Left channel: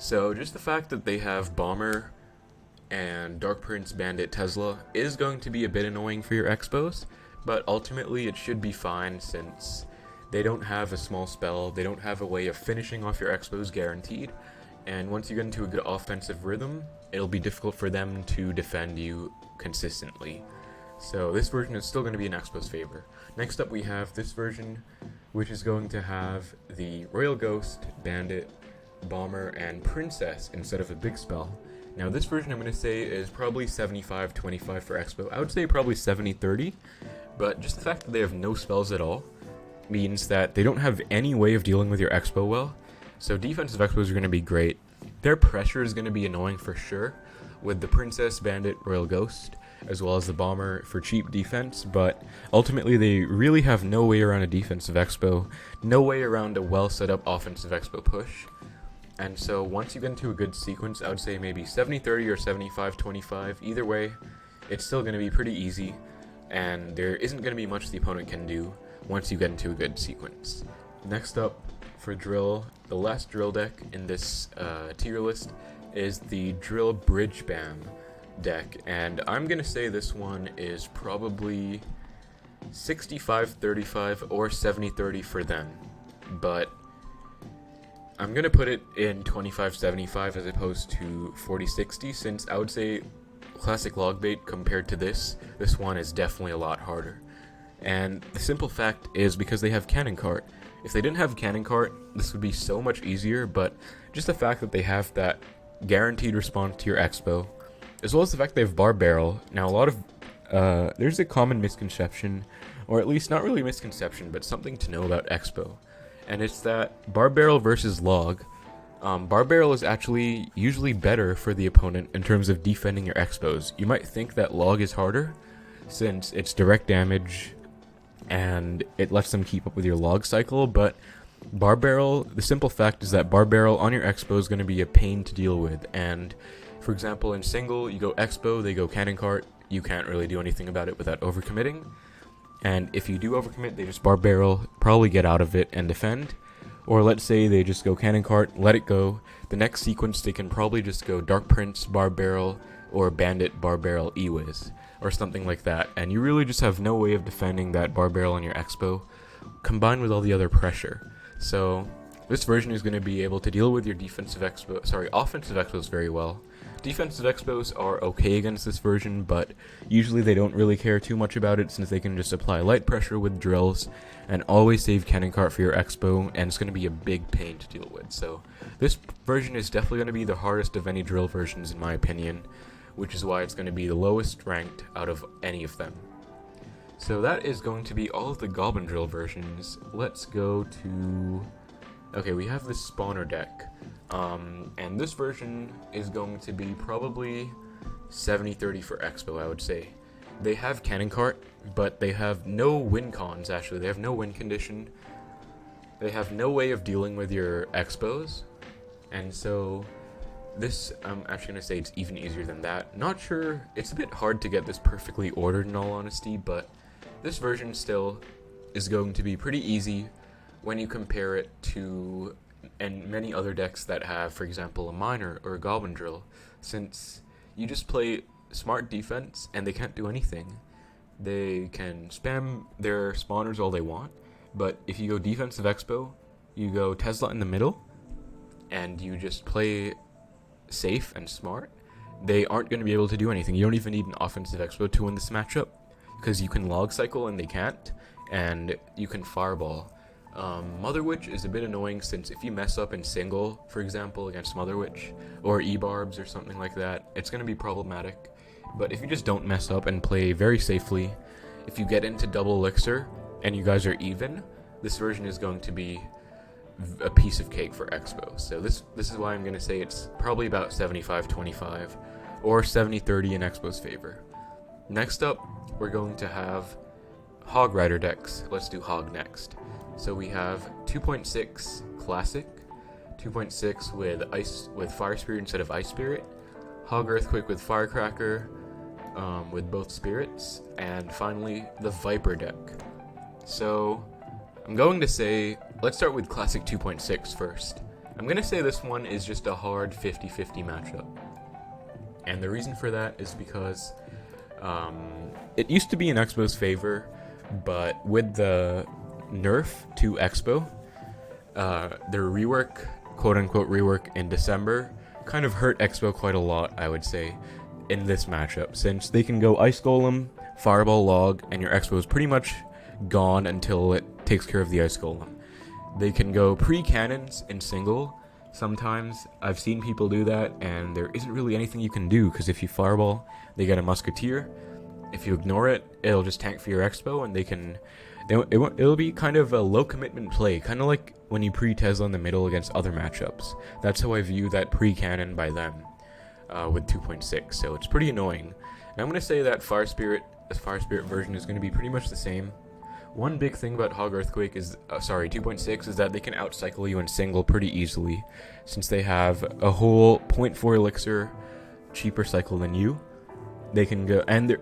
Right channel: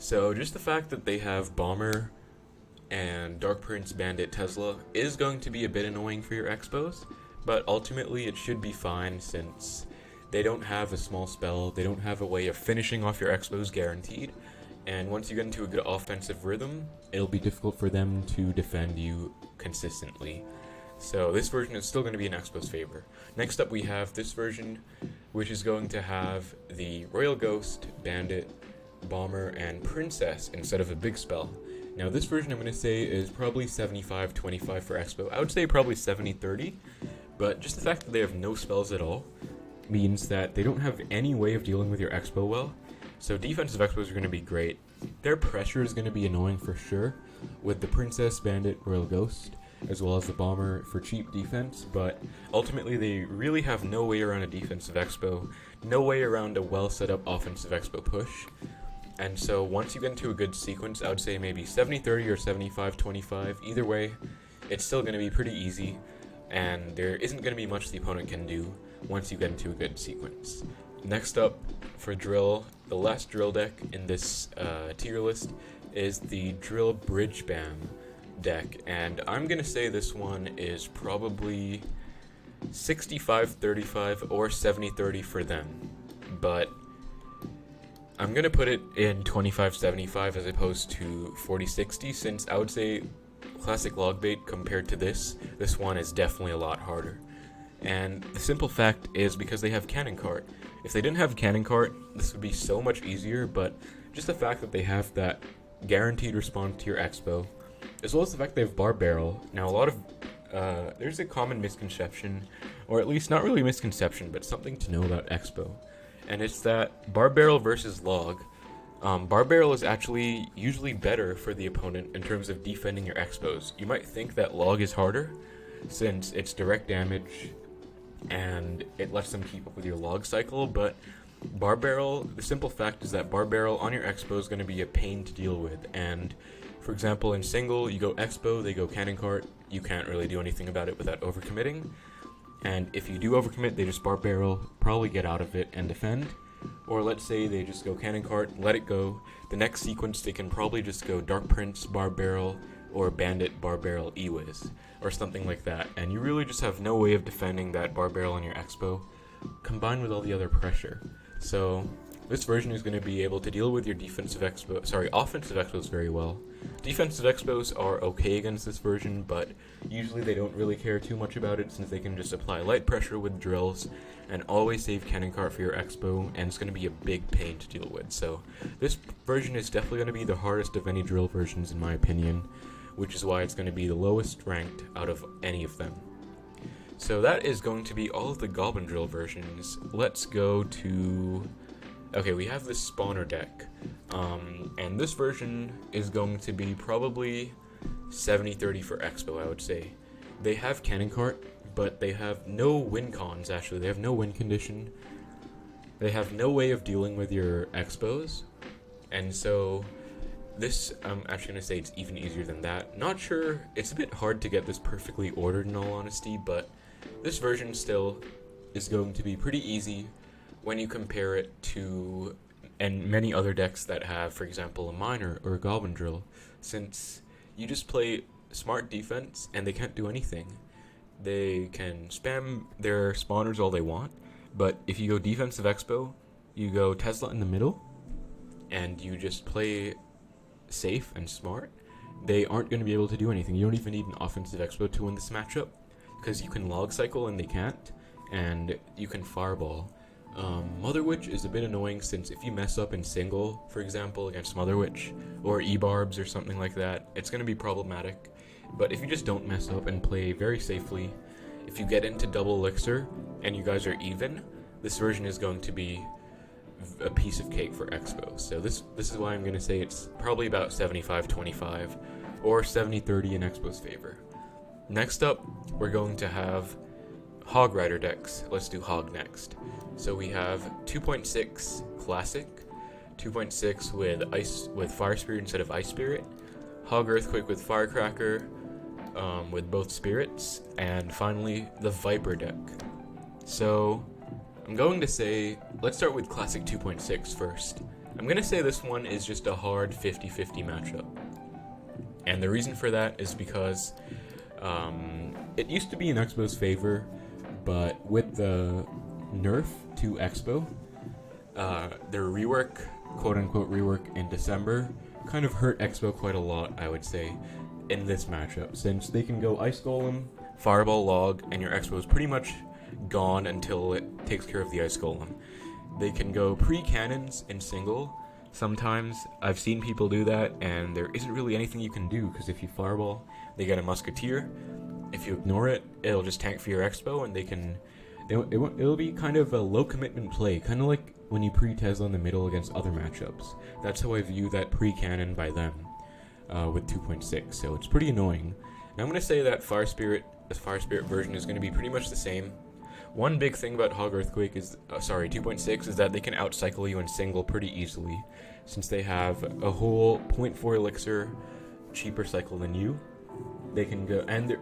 So just the fact that they have Bomber and Dark Prince, Bandit, Tesla is going to be a bit annoying for your Xbows, but ultimately it should be fine since they don't have a small spell, they don't have a way of finishing off your Xbows guaranteed, and once you get into a good offensive rhythm, it'll be difficult for them to defend you consistently. So this version is still going to be in Xbow's favor. Next up we have this version, which is going to have the Royal Ghost, Bandit, Bomber, and Princess instead of a big spell. Now this version I'm going to say is probably 75-25 for Xbow. I would say probably 70-30, but just the fact that they have no spells at all means that they don't have any way of dealing with your Xbow well. So defensive Xbows are going to be great. Their pressure is going to be annoying for sure, with the Princess, Bandit, Royal Ghost, as well as the Bomber for cheap defense, but ultimately they really have no way around a defensive Xbow, no way around a well set up offensive Xbow push. And so once you get into a good sequence, I would say maybe 70-30 or 75-25. Either way, it's still going to be pretty easy, and there isn't going to be much the opponent can do once you get into a good sequence. Next up for drill, the last drill deck in this tier list is the Drill Bridgespam deck, and I'm going to say this one is probably 65-35 or 70-30 for them, but I'm going to put it in 25-75 as opposed to 40-60, since I would say Classic Logbait compared to this one is definitely a lot harder. And the simple fact is because they have Cannon Cart. If they didn't have Cannon Cart, this would be so much easier, but just the fact that they have that guaranteed response to your Xbow, as well as the fact they have Bar Barrel. Now a lot of, there's a common misconception, or at least not really misconception, but something to know about Xbow. And it's that Bar Barrel versus Log, Bar Barrel is actually usually better for the opponent in terms of defending your Xbows. You might think that Log is harder, since it's direct damage, and it lets them keep up with your Log cycle, but Bar Barrel, the simple fact is that Bar Barrel on your Xbow is going to be a pain to deal with, and for example in single, you go Xbow, they go Cannon Cart, you can't really do anything about it without overcommitting. And if you do overcommit, they just Bar Barrel, probably get out of it and defend. Or let's say they just go Cannon Cart, let it go. The next sequence they can probably just go Dark Prince, Bar Barrel, or Bandit, Bar Barrel, E-Wiz, or something like that. And you really just have no way of defending that Bar Barrel on your Xbow, combined with all the other pressure. So this version is going to be able to deal with your offensive Xbows very well. Defensive Xbows are okay against this version, but usually they don't really care too much about it since they can just apply light pressure with drills and always save Cannon Cart for your Xbow, and it's going to be a big pain to deal with. So this version is definitely going to be the hardest of any drill versions in my opinion, which is why it's going to be the lowest ranked out of any of them. So that is going to be all of the Goblin Drill versions. Let's go to... Okay, we have this spawner deck, and this version is going to be probably 70-30 for Xbow, I would say. They have Cannon Cart, but they have no win cons, actually. They have no win condition. They have no way of dealing with your Xbows, and so this, I'm actually going to say it's even easier than that. Not sure, it's a bit hard to get this perfectly ordered in all honesty, but this version still is going to be pretty easy when you compare it to many other decks that have, for example, a Miner or a Goblin Drill, since you just play smart defense and they can't do anything. They can spam their spawners all they want, but if you go defensive Xbow, you go Tesla in the middle, and you just play safe and smart, they aren't going to be able to do anything. You don't even need an offensive Xbow to win this matchup, because you can Log Cycle and they can't, and you can Fireball. Mother Witch is a bit annoying since if you mess up in single, for example, against Mother Witch or EBarbs or something like that, it's going to be problematic. But if you just don't mess up and play very safely, if you get into double elixir and you guys are even, this version is going to be a piece of cake for Xbow. So this is why I'm going to say it's probably about 75-25 or 70-30 in Xbow's favor. Next up, we're going to have Hog Rider decks. Let's do Hog next. So we have 2.6 Classic, 2.6 with Fire Spirit instead of Ice Spirit, Hog Earthquake with Firecracker, with both spirits, and finally the Viiper deck. So I'm going to say, let's start with Classic 2.6 first. I'm going to say this one is just a hard 50-50 matchup. And the reason for that is because it used to be in Xbow's favor, but with the nerf to Xbow, their rework, quote-unquote rework in December, kind of hurt Xbow quite a lot, I would say, in this matchup, since they can go Ice Golem, Fireball Log, and your Xbow is pretty much gone until it takes care of the Ice Golem. They can go pre-cannons in single. Sometimes I've seen people do that, and there isn't really anything you can do, because if you Fireball, they get a Musketeer. If you ignore it, it'll just tank for your Xbow, and it'll be kind of a low commitment play, kind of like when you pre-Tesla in the middle against other matchups. That's how I view that pre-cannon by them with 2.6, so it's pretty annoying. And I'm going to say that Fire Spirit version is going to be pretty much the same. One big thing about Hog Earthquake is, 2.6, is that they can outcycle you in single pretty easily, since they have a whole 0.4 elixir cheaper cycle than you. They can go, and the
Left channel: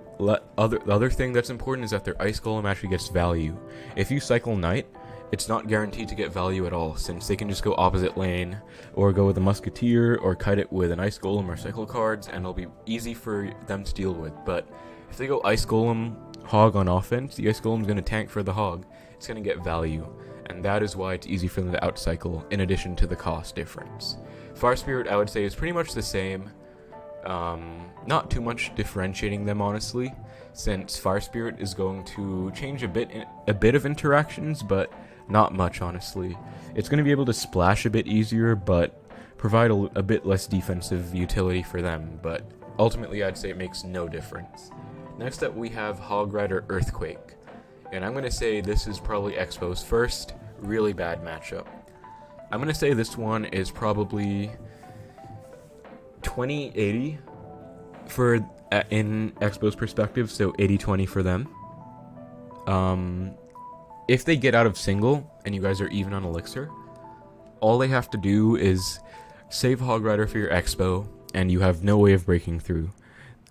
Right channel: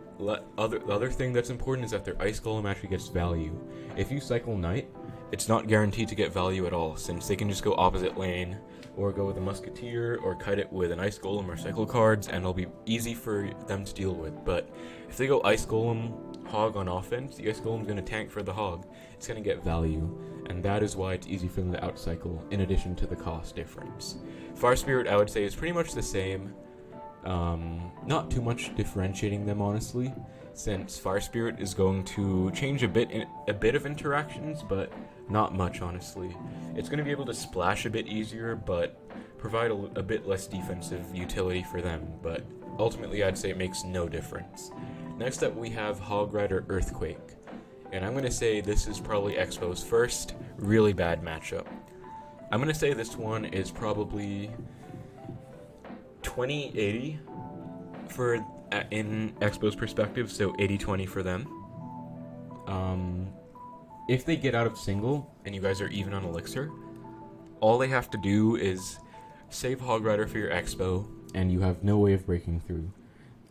other thing that's important is that their Ice Golem actually gets value. If you cycle Knight, it's not guaranteed to get value at all, since they can just go opposite lane, or go with a Musketeer, or kite it with an Ice Golem or cycle cards, and it'll be easy for them to deal with. But if they go Ice Golem, Hog on offense, the Ice Golem is going to tank for the Hog. It's going to get value, and that is why it's easy for them to outcycle, in addition to the cost difference. Fire Spirit, I would say, is pretty much the same. Not too much differentiating them, honestly, since Fire Spirit is going to change a bit of interactions, but not much, honestly. It's going to be able to splash a bit easier, but provide a bit less defensive utility for them, but ultimately I'd say it makes no difference. Next up we have Hog Rider Earthquake, and I'm going to say this is probably Xbow's first really bad matchup. I'm going to say this one is probably 20-80 in Xbow's perspective, so 80-20 for them. If they get out of single and you guys are even on elixir, all they have to do is save Hog Rider for your Xbow, and you have no way of breaking through.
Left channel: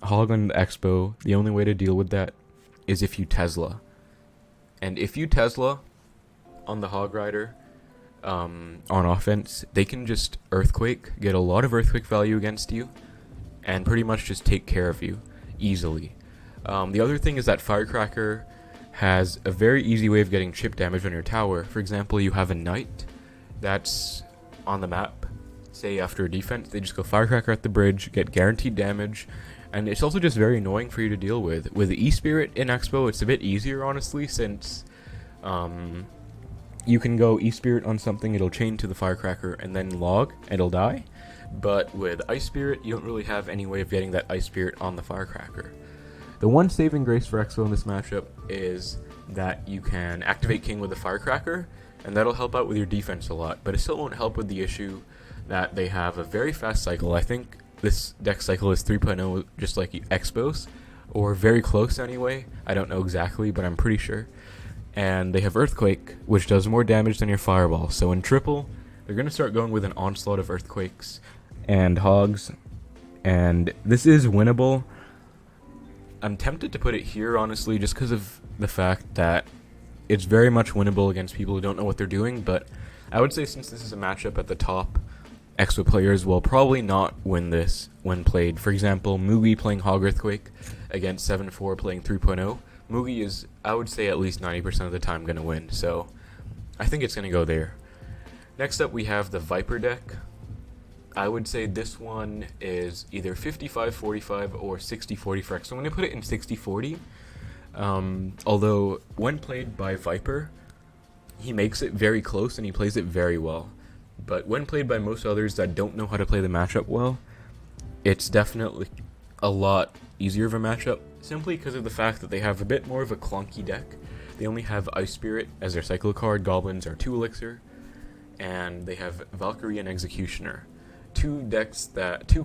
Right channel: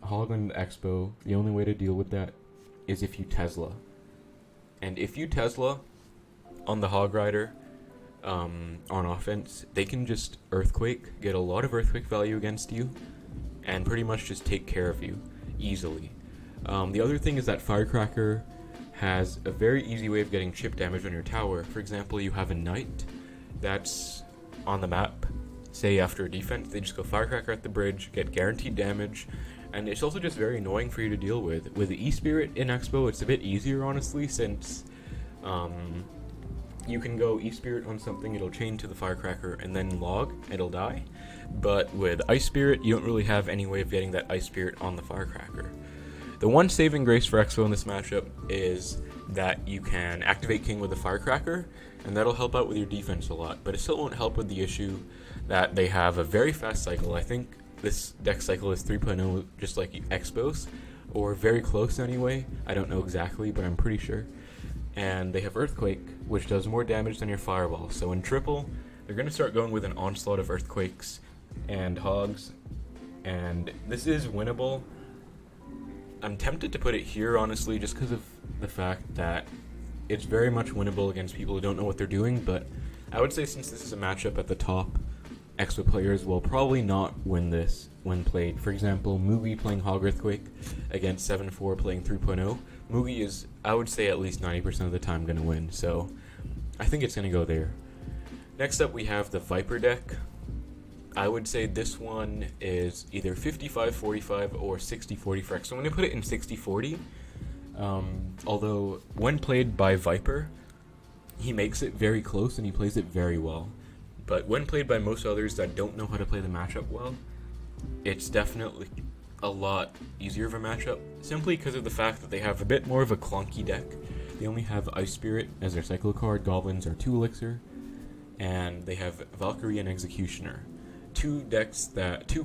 Hog on the Xbow, the only way to deal with that is if you Tesla. And if you Tesla on the Hog Rider on offense, they can just Earthquake, get a lot of Earthquake value against you, and pretty much just take care of you easily. The other thing is that Firecracker has a very easy way of getting chip damage on your tower. For example, you have a Knight that's on the map, say after a defense, they just go Firecracker at the bridge, get guaranteed damage, and it's also just very annoying for you to deal with. With the E-Spirit in Xbow, it's a bit easier, honestly, since you can go E-Spirit on something, it'll chain to the Firecracker, and then log, it'll die. But with Ice Spirit, you don't really have any way of getting that Ice Spirit on the Firecracker. The one saving grace for Xbow in this matchup is that you can activate King with the Firecracker, and that'll help out with your defense a lot, but it still won't help with the issue that they have a very fast cycle. I think this deck cycle is 3.0, just like Xbow's, or very close anyway. I don't know exactly, but I'm pretty sure. And they have Earthquake, which does more damage than your Fireball. So in triple, they're going to start going with an onslaught of Earthquakes and Hogs, and this is winnable. I'm tempted to put it here, honestly, just because of the fact that it's very much winnable against people who don't know what they're doing, but I would say since this is a matchup at the top, Xbow players will probably not win this when played. For example, Mugi playing Hog Earthquake against 7-4 playing 3.0. Mugi is, I would say, at least 90% of the time going to win, so I think it's going to go there. Next up, we have the Viiper deck. I would say this one is either 55-45 or 60-40 for Xbow. So I'm going to put it in 60-40, although when played by Viiper, he makes it very close and he plays it very well. But when played by most others that don't know how to play the matchup well, it's definitely a lot easier of a matchup, simply because of the fact that they have a bit more of a clunky deck. They only have Ice Spirit as their cycle card, Goblins are 2 elixir, and they have Valkyrie and Executioner. Two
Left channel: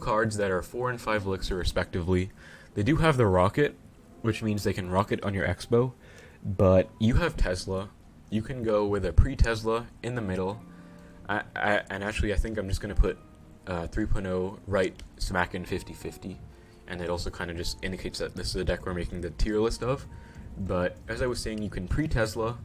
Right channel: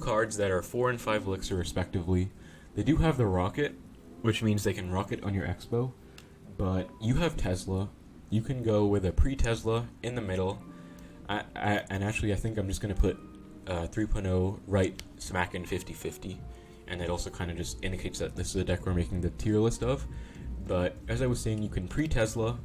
cards that are 4 and 5 elixir respectively. They do have the Rocket, which means they can rocket on your Xbow, but you have Tesla. You can go with a pre-Tesla in the middle. And actually, I think I'm just going to put 3.0 right smack in 50-50, and it also kind of just indicates that this is a deck we're making the tier list of. But as I was saying, you can pre-Tesla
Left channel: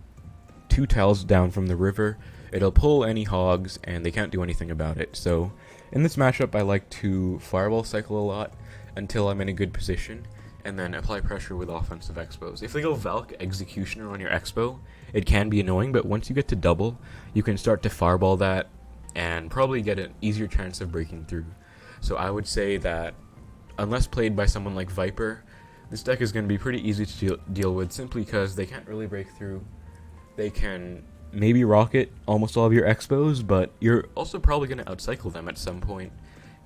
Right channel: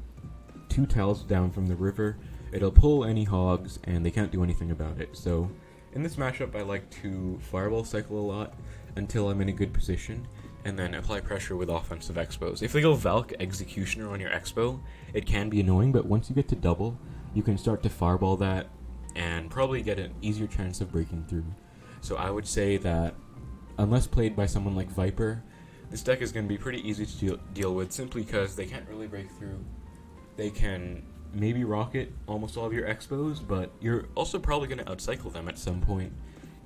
2 tiles down from the river, It'll pull any hogs, and they can't do anything about it. So in this matchup, I like to fireball cycle a lot until I'm in a good position, and then apply pressure with offensive Xbows. If they go Valk Executioner on your Xbow, it can be annoying, but once you get to double, you can start to fireball that and probably get an easier chance of breaking through. So I would say that, unless played by someone like Viiper, this deck is going to be pretty easy to deal with, simply because they can't really break through. They can maybe rocket almost all of your Xbows, but you're also probably going to outcycle them at some point.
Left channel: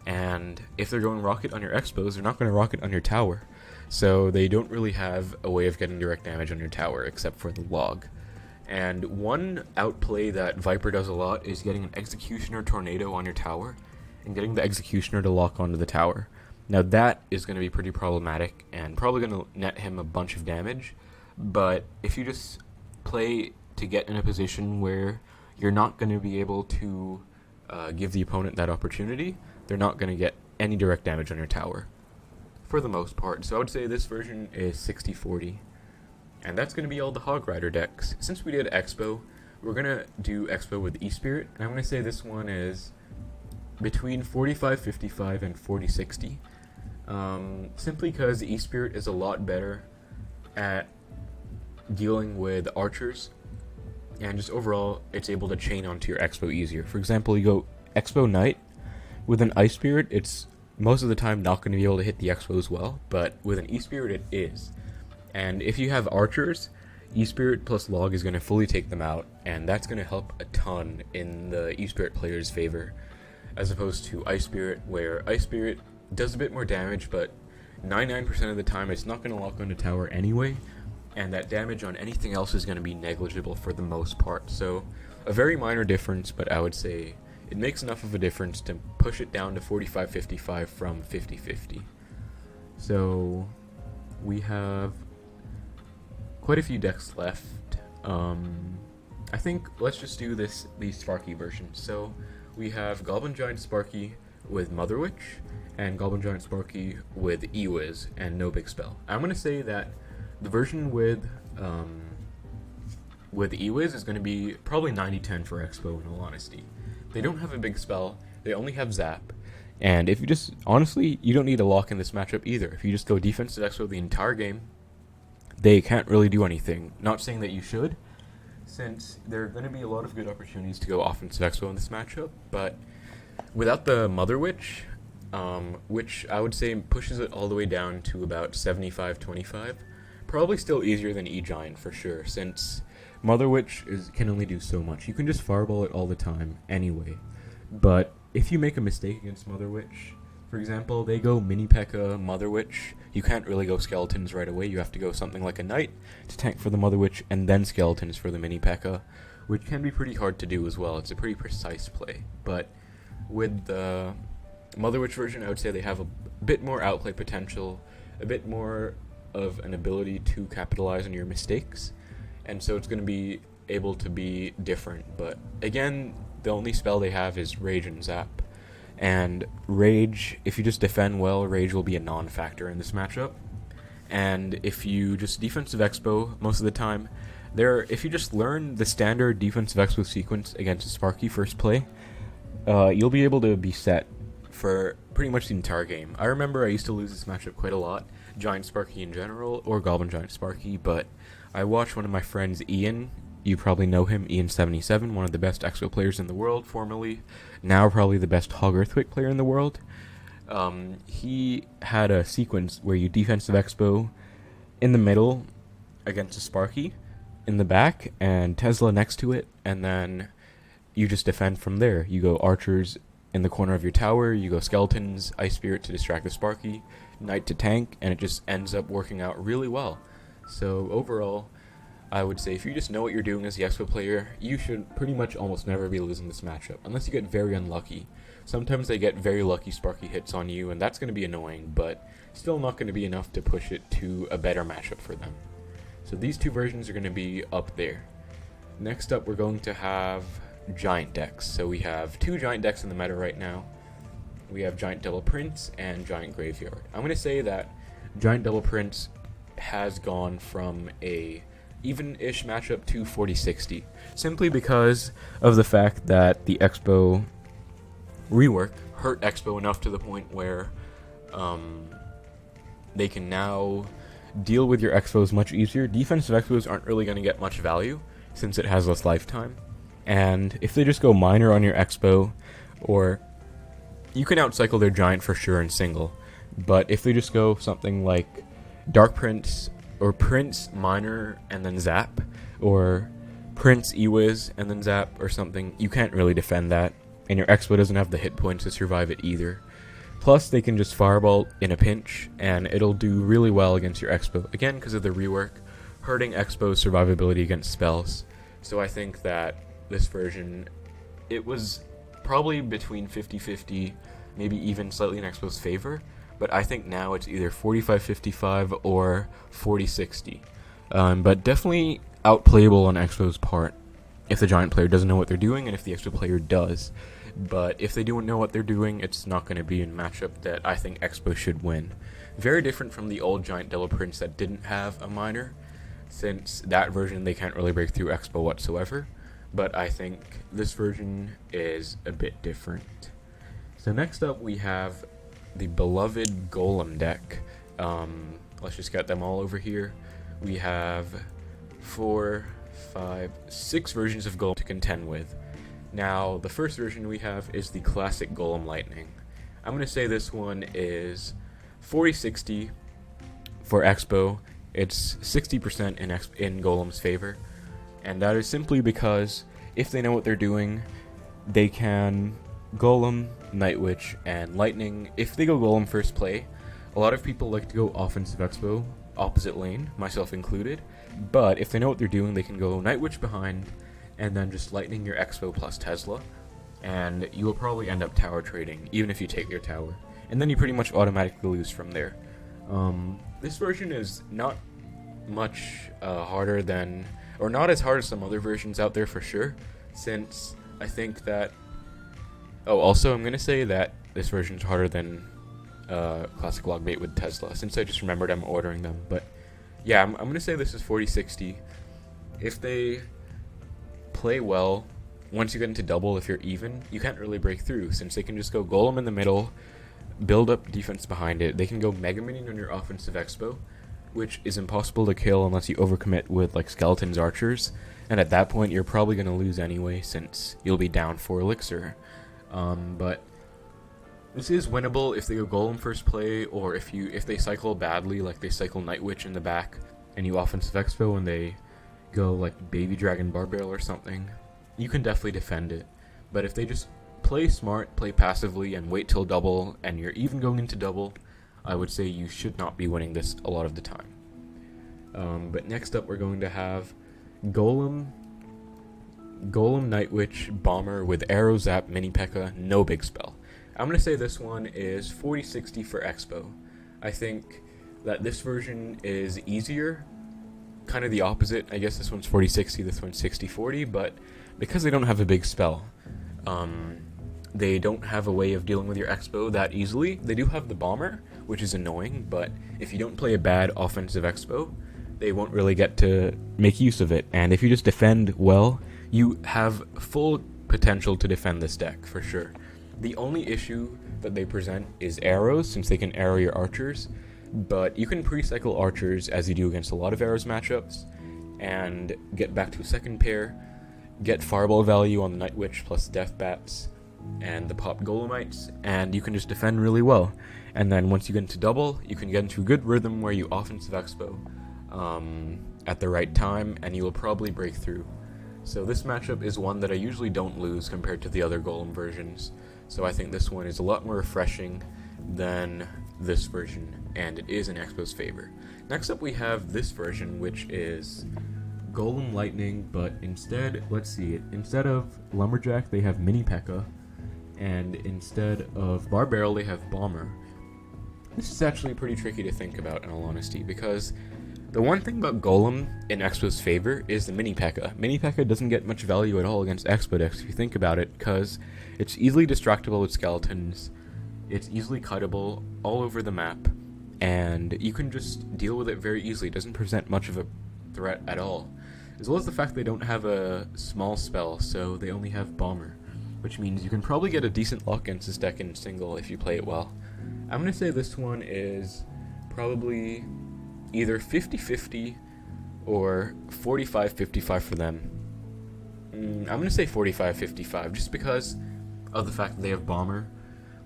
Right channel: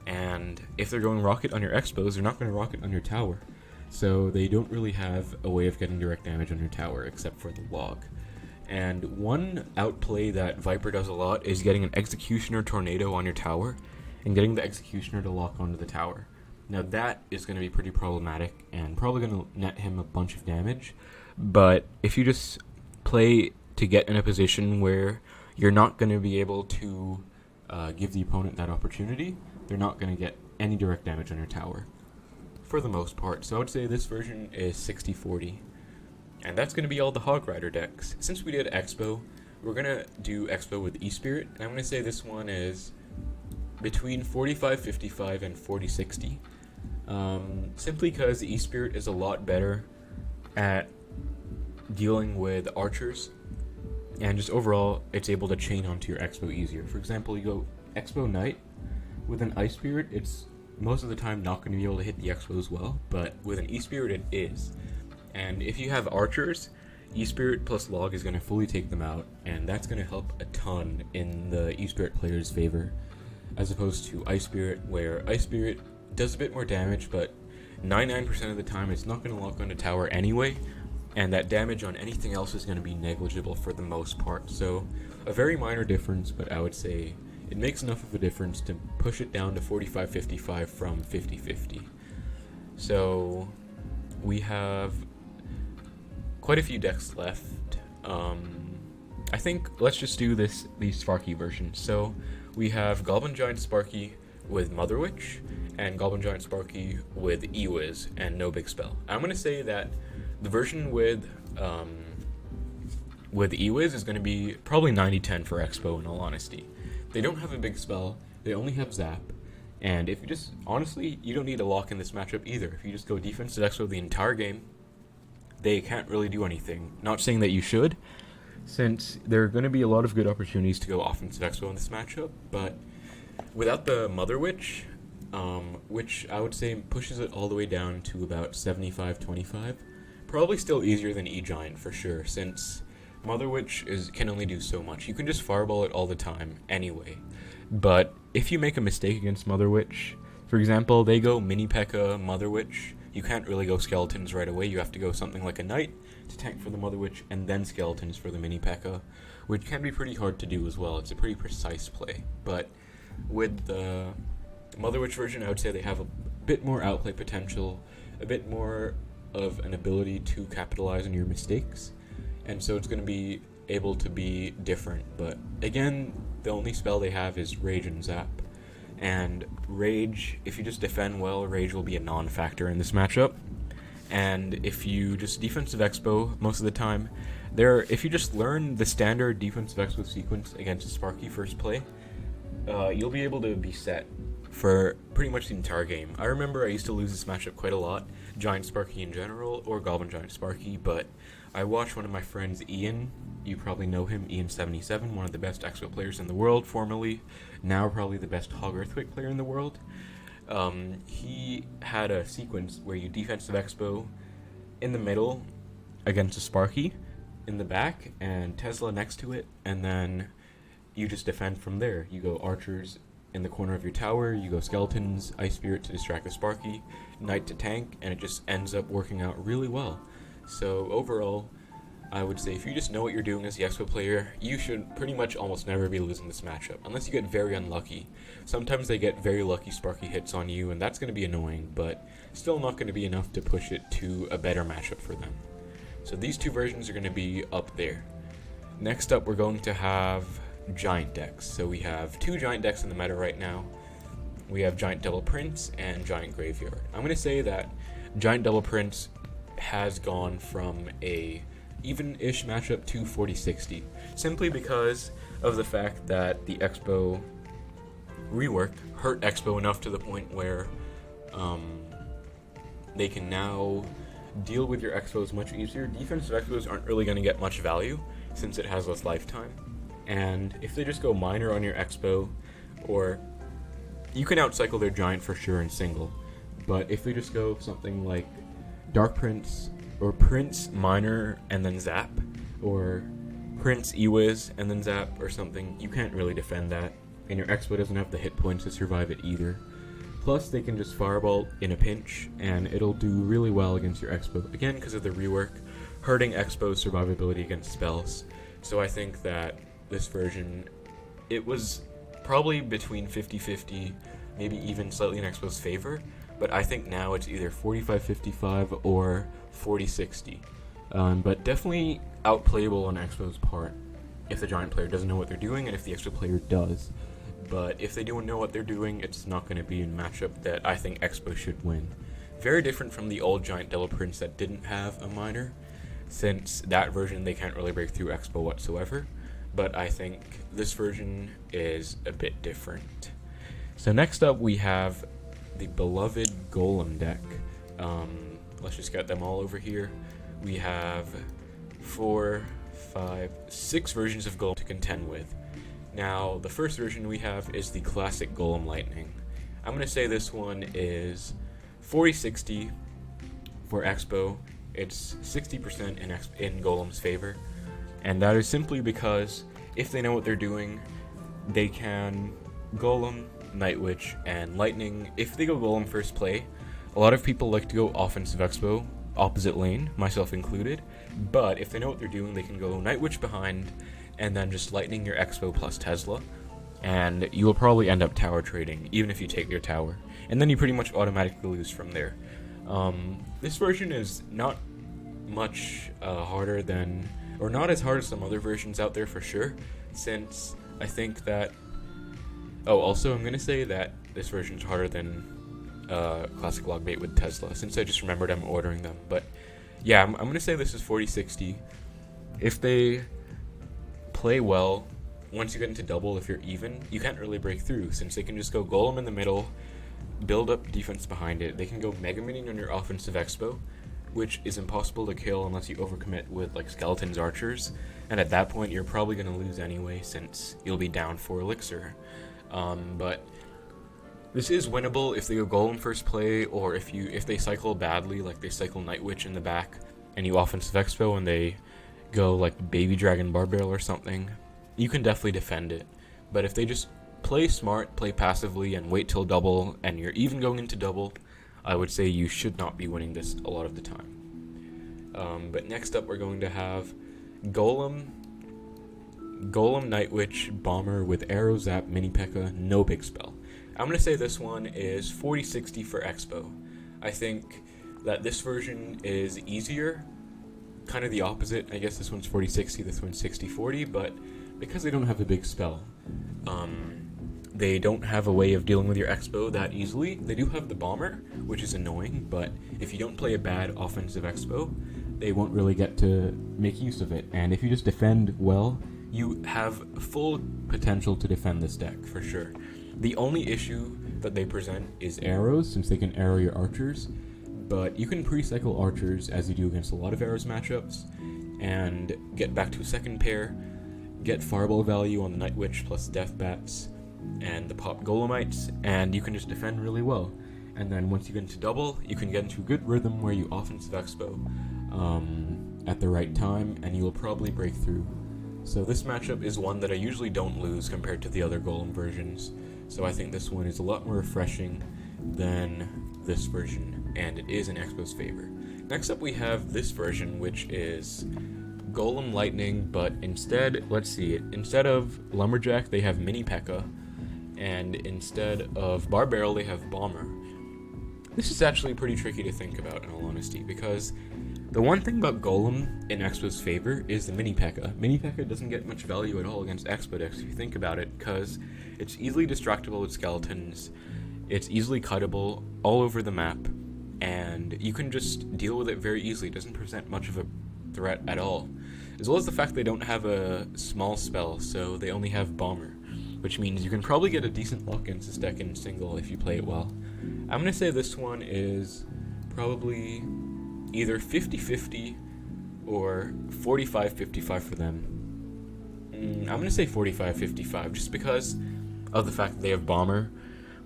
And if they're going rocket on your Xbows, they're not going to rocket on your tower. So they don't really have a way of getting direct damage on your tower except for the log. And one outplay that Viiper does a lot is getting an Executioner Tornado on your tower and getting the Executioner to lock onto the tower. Now that is going to be pretty problematic and probably going to net him a bunch of damage, but if you just play to get in a position where you're not going to be able to give the opponent that opportunity, they're not going to get any direct damage on your tower, for the most part. So I would say this version is 60-40. And that's going to be all the Hog Rider decks. Since we did Xbow, we're going to do Xbow with E-Spirit, and I'm going to say this one is between 45-55 and 40-60. Simply because E-Spirit is a lot better at dealing with archers, and just overall, it's able to chain onto your Xbow easier. For example, you go Xbow Knight with an Ice Spirit, it's most of the time not going to be able to hit the Xbows well, but with an E-Spirit it is. And if you have archers, E-Spirit plus Log is going to fully take them out, and that's going to help a ton in the E-Spirit player's favor, as opposed to Ice Spirit, where Ice Spirit does a bit more damage, but 99% of the time it's not going to lock onto tower anyway, and that damage on anything else is going to be negligible for the most part. So a very minor difference, but I would say it makes enough of a difference to push it down to 45-55 from 50-50. So we have quite a few decks left. I think let's just do the Sparky version. So we have Goblin Giant Sparky with Mother Witch and Goblin Giant Sparky with E-Wiz and no big spell. I'm going to say that the version with E-Wiz is going to be probably 90-10 for Xbow, in all honesty. They don't have a big spell, they only have Zap, and if you just, honestly, you don't need to lock in this matchup either. If you just go defensive Xbow the entire game, they can't really do anything. Not saying that you should, since there are going to be a lot of good opportunities to go offensive Xbow in this matchup, but without the Mother Witch, which I would say pushes it all the way down to about 75-25, probably still easier than E-Giant for sure, since Mother Witch can only do so much. You can just fireball it all the time anyway, but if you make a mistake against Mother Witch, for example, they go Mini P.E.K.K.A, Mother Witch, you can't really go Skeletons right away. You have to go something like a Knight to tank for the Mother Witch, and then Skeletons for the Mini P.E.K.K.A, which can be pretty hard to do as well. It's a pretty precise play, but with the Mother Witch version, I would say they have a bit more outplay potential, a bit more of an ability to capitalize on your mistakes, and so it's going to be able to be different. But again, the only spell they have is Rage and Zap, and Rage, if you just defend well, Rage will be a non-factor in this matchup. And if you just defensive Xbow most of the time, if you just learn the standard defensive Xbow sequence against a Sparky first play, you'll be able to be set for pretty much the entire game. I remember I used to lose this matchup quite a lot, Giant Sparky in general, or Goblin Giant Sparky, but I watched one of my friends, Ian, you probably know him, Ian77, one of the best Xbow players in the world, formerly, now probably the best Hog Earthquake player in the world. He had a sequence where you defensive Xbow in the middle against a Sparky, in the back, and Tesla next to it, and then you just defend from there. You go Archers in the corner of your tower, you go Skeletons, Ice Spirit to distract the Sparky, Knight to tank, and it just ends up working out really well. So overall, I would say if you just know what you're doing as the Xbow player, you should pretty much almost never be losing this matchup, unless you get very unlucky. Sometimes they get very lucky Sparky hits on you, and that's going to be annoying, but still not going to be enough to push it to a better matchup for them. So these two versions are going to be up there. Next up, we're going to have Giant decks. So we have two Giant decks in the meta right now. We have Giant Double Prince and Giant Graveyard. I'm going to say that Giant Double Prince has gone from a even-ish matchup to 4060, simply because of the fact that the Xbow rework hurt Xbow enough to the point where they can now deal with your Xbows much easier. Defensive Xbows aren't really going to get much value since it has less lifetime, and if they just go minor on your Xbow, or you can outcycle their giant for sure in single, but if they just go something like Dark Prince or Prince minor and then zap, or Prince Ewiz and then zap or something, you can't really defend that, and your Xbow doesn't have the hit points to survive it either. Plus, they can just fireball in a pinch, and it'll do really well against your Xbow, again because of the rework, hurting Xbow's survivability against spells. So I think that this version, it was probably between 50-50, maybe even slightly in Xbow's favor, but I think now it's either 45-55 or 40-60. But definitely outplayable on Xbow's part if the giant player doesn't know what they're doing, and if the Xbow player does. But if they don't know what they're doing, it's not going to be a matchup that I think Xbow should win. Very different from the old giant Devil Prince that didn't have a minor, since that version they can't really break through Xbow whatsoever. But I think this version is a bit different. So next up we have the beloved Golem deck. Let's just get them all over here. We have 4, 5, 6 versions of Golem to contend with. Now, the first version we have is the classic Golem Lightning. I'm going to say this one is 40-60 for Xbow. It's 60% in Golem's favor, and that is simply because if they know what they're doing, they can Golem, Night Witch, and Lightning. If they go Golem first play, a lot of people like to go offensive Xbow, opposite lane, myself included, but if they know what they're doing, they can go Night Witch behind, and then just Lightning your Xbow plus Tesla, and you will probably end up tower trading, even if you take your tower. And then you pretty much automatically lose from there. This version is not much harder than, or not as hard as some other versions out there for sure, since I think that, also I'm going to say that this version is harder than Classic Logbait with Tesla, since I just remembered I'm ordering them. But yeah, I'm going to say this is 40-60. If they play well, once you get into double, if you're even, you can't really break through, since they can just go Golem in the middle, build up defense behind it. They can go Mega Minion on your offensive Xbow, which is impossible to kill unless you overcommit with like Skeletons Archers, and at that point you're probably going to lose anyway, since you'll be down 4 elixir. But this is winnable if they go Golem first play, or if they cycle badly, like they cycle Night Witch in the back, and you offensive Xbow and they go like Baby Dragon Barbarrel or something, you can definitely defend it. But if they just play smart, play passively, and wait till double, and you're even going into double, I would say you should not be winning this a lot of the time. But next up we're going to have Golem, Night Witch, Bomber with Arrow, Zap, Mini P.E.K.K.A, no big spell. I'm going to say this one is 40-60 for Xbow. I think that this version is easier, kind of the opposite. I guess this one's 40-60, this one's 60-40, but because they don't have a big spell, they don't have a way of dealing with your Xbow that easily. They do have the Bomber, which is annoying, but if you don't play a bad offensive Xbow, they won't really get to make use of it. And if you just defend well, you have full potential to defend this deck, for sure. The only issue that they present is arrows, since they can arrow your archers, but you can pre-cycle archers as you do against a lot of arrows matchups, and get back to a second pair, get fireball value on the Night Witch plus Death Bats, and the pop Golemites, and you can just defend really well. And then once you get into double, you can get into a good rhythm where you offensive Xbow at the right time, and you will probably break through. So this matchup is one that I usually don't lose compared to the other Golem versions, so I think this one is a lot more refreshing than this version, and it is in Xbow's favor. Next up we have this version, which is Golem Lightning, but instead of Lumberjack they have Mini P.E.K.K.A, and instead of Barbarrel they have Bomber. This is actually pretty tricky to think about, in all honesty, because the one thing about Golem in Xbow's favor is the Mini P.E.K.K.A. Mini P.E.K.K.A doesn't get much value at all against Xbow decks if you think about it, because it's easily distractible with skeletons, it's easily cuttable all over the map, and you can just deal with it very easily. It doesn't present much of a threat at all. as well as the fact they don't have a small spell, so they only have Bomber, which means you can probably get a decent lock against this deck in single if you play it well. I'm going to say this one is probably either 50-50 or 45-55 for them. I'm going to say 45-55 just because of the fact that they have Bomber,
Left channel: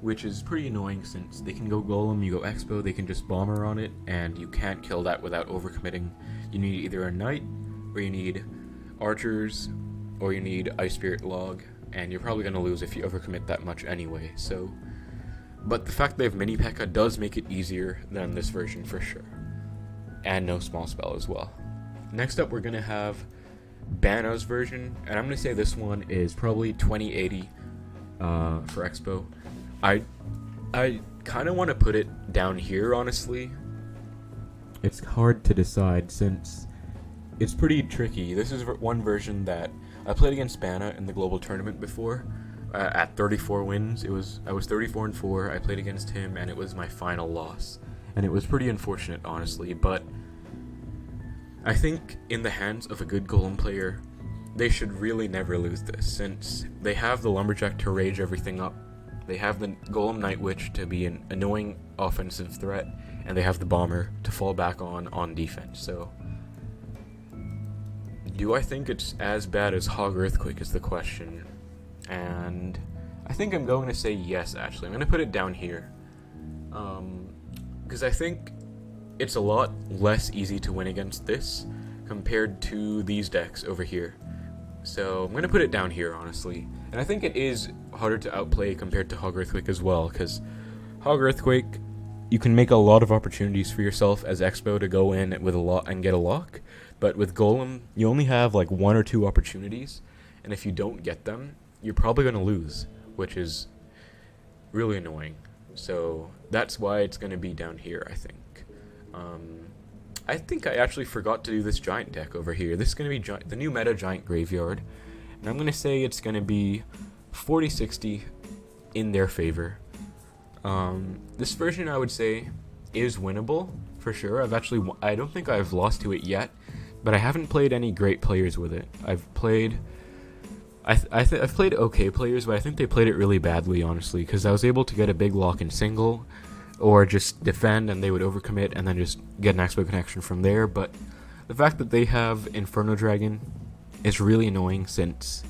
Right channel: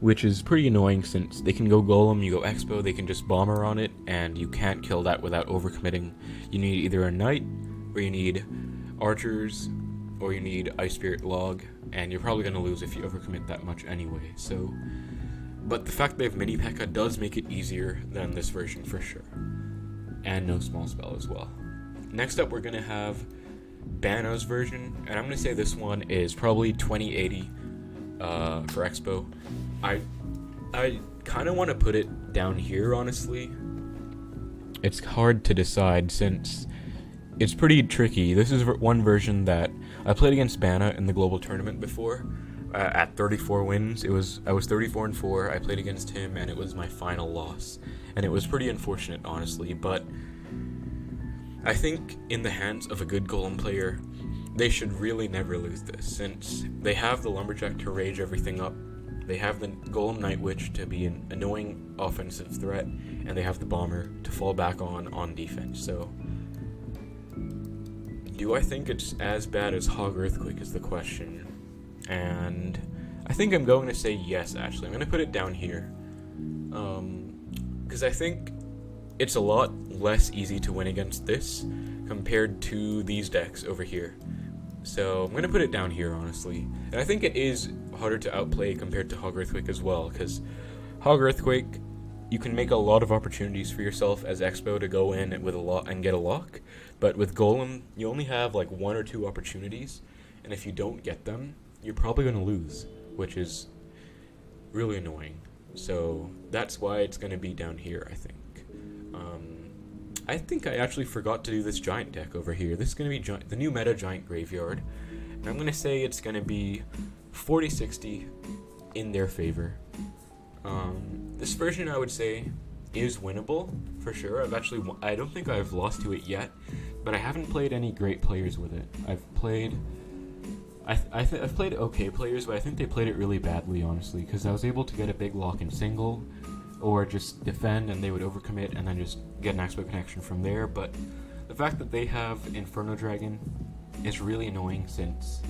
which is pretty annoying since they can go Golem, you go Xbow, they can just Bomber on it, and you can't kill that without overcommitting. You need either a Knight, or you need Archers, or you need Ice Spirit Log, and you're probably going to lose if you overcommit that much anyway. So, but the fact that they have mini P.E.K.K.A does make it easier than this version for sure. And no small spell as well. Next up, we're going to have BaNa's version, and I'm going to say this one is probably 2080 for Xbow. I kind of want to put it down here, honestly. It's hard to decide since it's pretty tricky. This is one version that I played against BaNa in the global tournament before. At 34 wins, I was 34-4. I played against him, and it was my final loss, and it was pretty unfortunate, honestly. But I think in the hands of a good Golem player, they should really never lose this, since they have the Lumberjack to rage everything up. They have the Golem Night Witch to be an annoying offensive threat, and they have the Bomber to fall back on defense. So, do I think it's as bad as Hog Earthquake is the question. And I think I'm going to say yes, actually. I'm going to put it down here. Because I think it's a lot less easy to win against this compared to these decks over here. So I'm going to put it down here, honestly. And I think it is harder to outplay compared to Hog Earthquake as well, because Hog Earthquake, you can make a lot of opportunities for yourself as Xbow to go in with a lot and get a lock. But with Golem, you only have like 1 or 2 opportunities, and if you don't get them, you're probably going to lose, which is really annoying. So that's why it's going to be down here, I think. I think I actually forgot to do this giant deck over here. This is going to be the new meta giant graveyard, and I'm going to say it's going to be 40-60 in their favor. This version, I would say, is winnable for sure. I don't think I've lost to it yet, but I haven't played any great players with it. I've played okay players, but I think they played it really badly, honestly, because I was able to get a big lock in single, or just defend and they would overcommit and then just get an Xbow connection from there. But the fact that they have Inferno Dragon is really annoying, since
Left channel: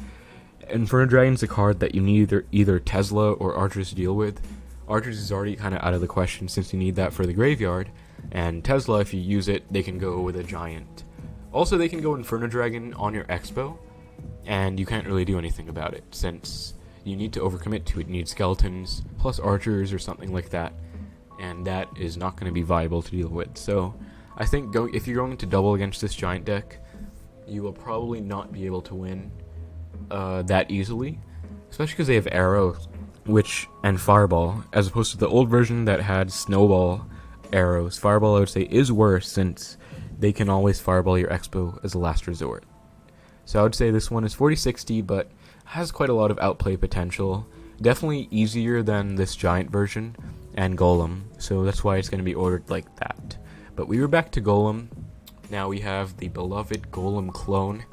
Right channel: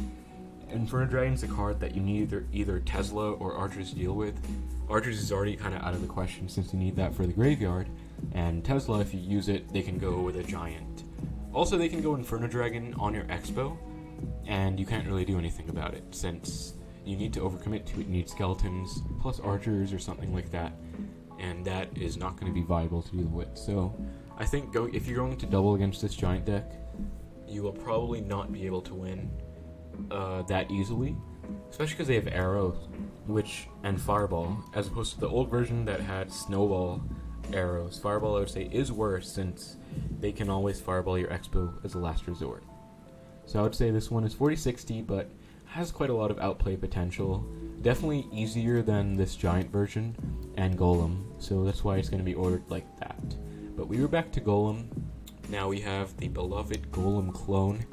Inferno Dragon's a card that you need either Tesla or Archers to deal with. Archers is already kind of out of the question since you need that for the graveyard, and Tesla, if you use it, they can go with a giant. Also, they can go Inferno Dragon on your Xbow, and you can't really do anything about it since you need to overcommit to it. You need skeletons plus Archers or something like that, and that is not going to be viable to deal with. So I think if you're going to double against this giant deck, you will probably not be able to win that easily, especially because they have arrows and fireball, as opposed to the old version that had snowball arrows. Fireball, I would say, is worse since they can always fireball your Xbow as a last resort. So I would say this one is 40-60, but has quite a lot of outplay potential. Definitely easier than this giant version and Golem, so that's why it's going to be ordered like that. But we were back to Golem. Now we have the beloved Golem clone.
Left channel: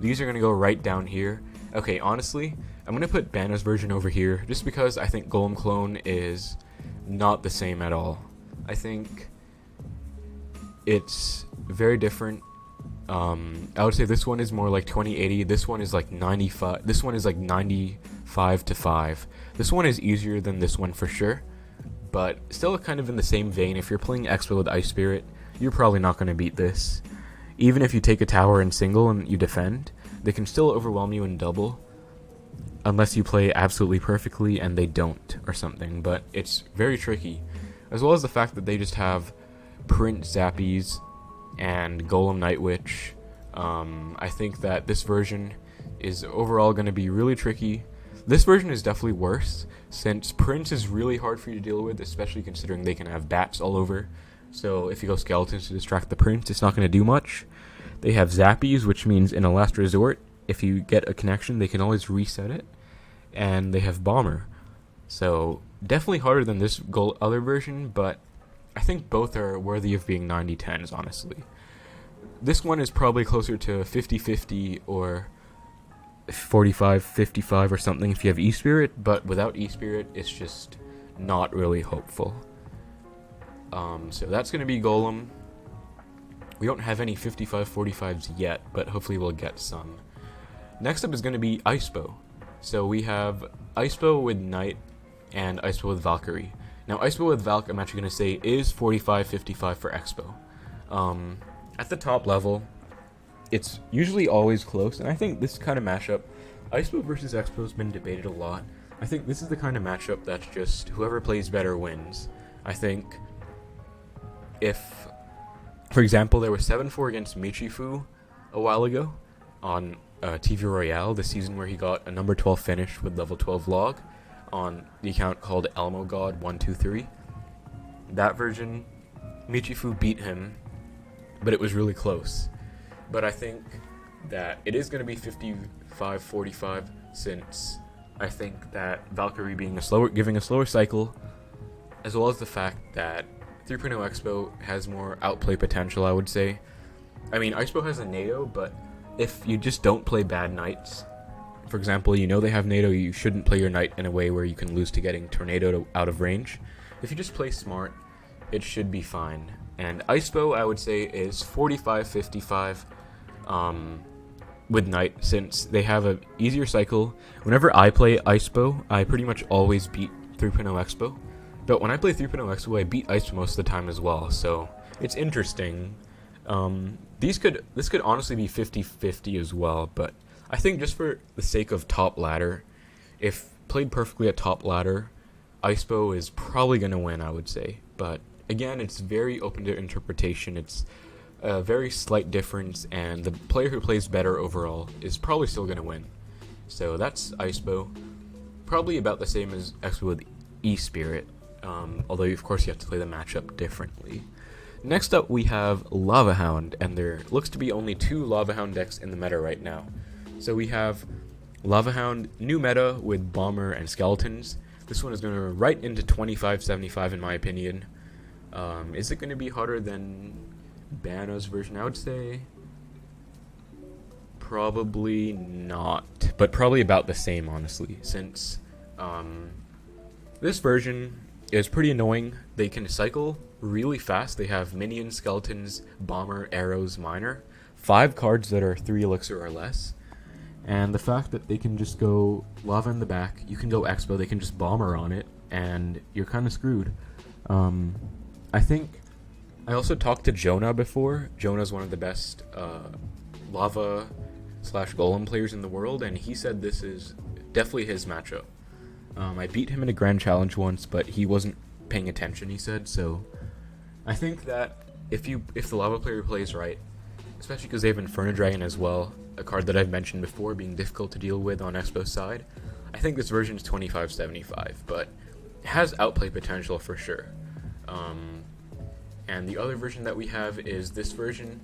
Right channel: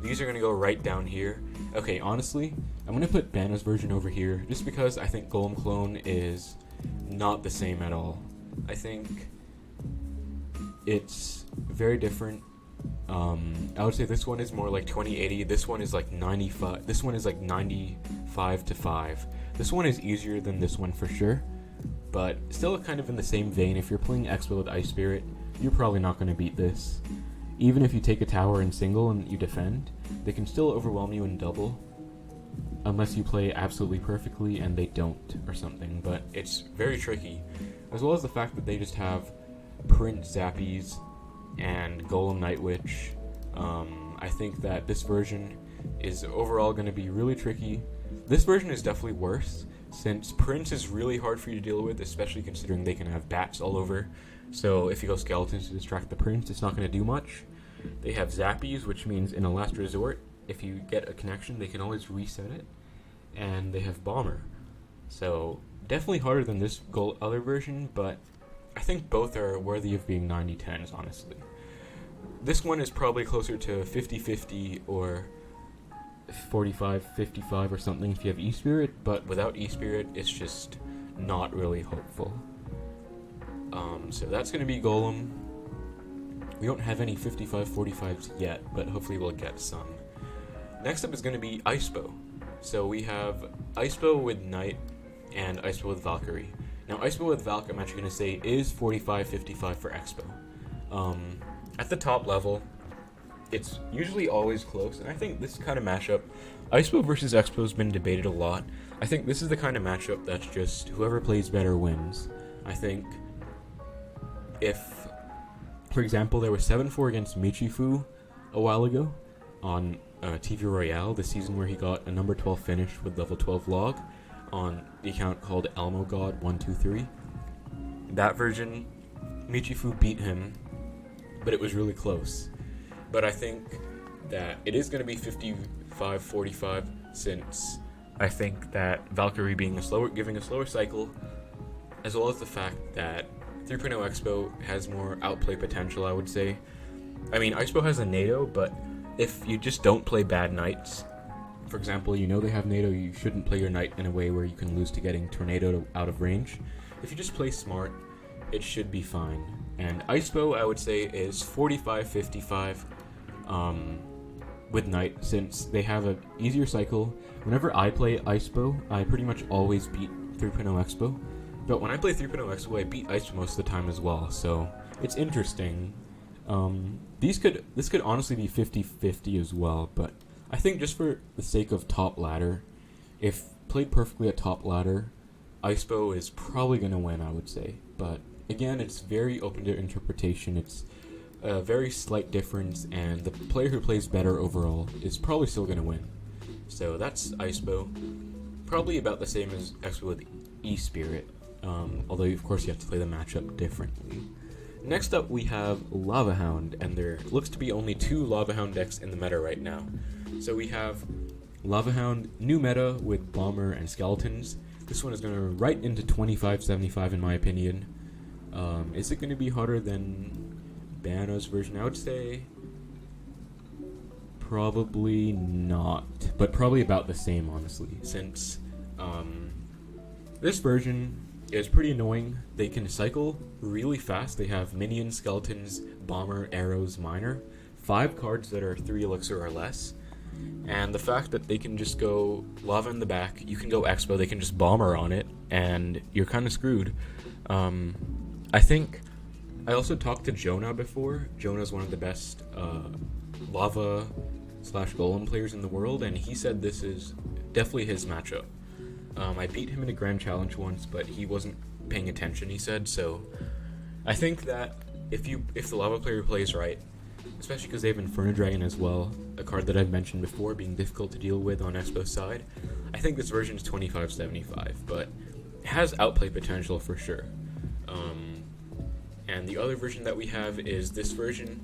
These are going to go right down here. Okay, honestly, I'm going to put BaNa's version over here, just because I think Golem clone is not the same at all. I think it's very different. I would say this one is more like 2080. This one is like 95. This one is like 95-5. This one is easier than this one for sure, but still kind of in the same vein. If you're playing Xbow with Ice Spirit, you're probably not going to beat this. Even if you take a tower in single and you defend, they can still overwhelm you in double, unless you play absolutely perfectly and they don't or something. But it's very tricky, as well as the fact that they just have Print Zappies and Golem Night Witch. I think that this version is overall going to be really tricky. This version is definitely worse, since Prince is really hard for you to deal with, especially considering they can have bats all over. So if you go Skeletons to distract the Prince, it's not going to do much. They have Zappies, which means in a last resort, if you get a connection, they can always reset it. And they have Bomber. So definitely harder than this other version, but I think both are worthy of being 90-10s, honestly. this one is probably closer to 50-50 or 45-55 or something if you have E-Spirit, but without E-Spirit, it's just not really hopeful. So that's going to be Golem. We don't have any 55-45s yet, but hopefully we'll get some. Next up is going to be Icebow. So we have Icebow with Knight and Icebow with Valkyrie. Now Icebow with Valk, I'm actually going to say, is 45-55 for Xbow. At the top level, it's usually always close, and I think this kind of matchup, Icebow versus Xbow, has been debated a lot. I think this is the kind of matchup that's just whoever plays better wins. I think if, for example, there was 7-4 against Michifu a while ago on TV Royale, the season where he got a number 12 finish with level 12 log on the account called ElmoGod123. That version, Michifu beat him, but it was really close. But I think that it is going to be 55-45, since I think that Valkyrie giving a slower cycle, as well as the fact that 3.0 Xbow has more outplay potential, I would say. I mean, Icebow has a NATO, but if you just don't play bad knights, for example, you know they have NATO, you shouldn't play your knight in a way where you can lose to getting tornadoed out of range. If you just play smart, it should be fine. And Icebow, I would say, is 45-55 with Knight, since they have an easier cycle. Whenever I play Icebow, I pretty much always beat 3.0 Xbow. But when I play 3.0 Xbow, I beat Icebow most of the time as well, so it's interesting. This could honestly be 50-50 as well, but I think just for the sake of top ladder, if played perfectly at top ladder, Icebow is probably going to win, I would say. But again, it's very open to interpretation. It's a very slight difference, and the player who plays better overall is probably still going to win. So that's Icebow. Probably about the same as Xbow with E-Spirit, although of course you have to play the matchup differently. Next up we have Lavahound, and there looks to be only 2 Lavahound decks in the meta right now. So we have Lavahound new meta with Bomber and Skeletons. This one is going to right into 25-75 in my opinion. Is it going to be harder than BaNa's version? I would say probably not, but probably about the same, honestly, since this version is pretty annoying. They can cycle really fast. They have minions, skeletons, bomber, arrows, miner, 5 cards that are 3 elixir or less. And the fact that they can just go lava in the back, you can go Xbow, they can just bomber on it, and you're kind of screwed. I think I also talked to Jonah before. Jonah's one of the best lava/golem players in the world, and he said this is definitely his matchup. I beat him in a grand challenge once, but he wasn't paying attention, he said. So I think that if the lava player plays right, especially because they have Inferno Dragon as well, a card that I've mentioned before being difficult to deal with on Xbow's side, I think this version is 25-75, but it has outplay potential for sure. And the other version that we have is this version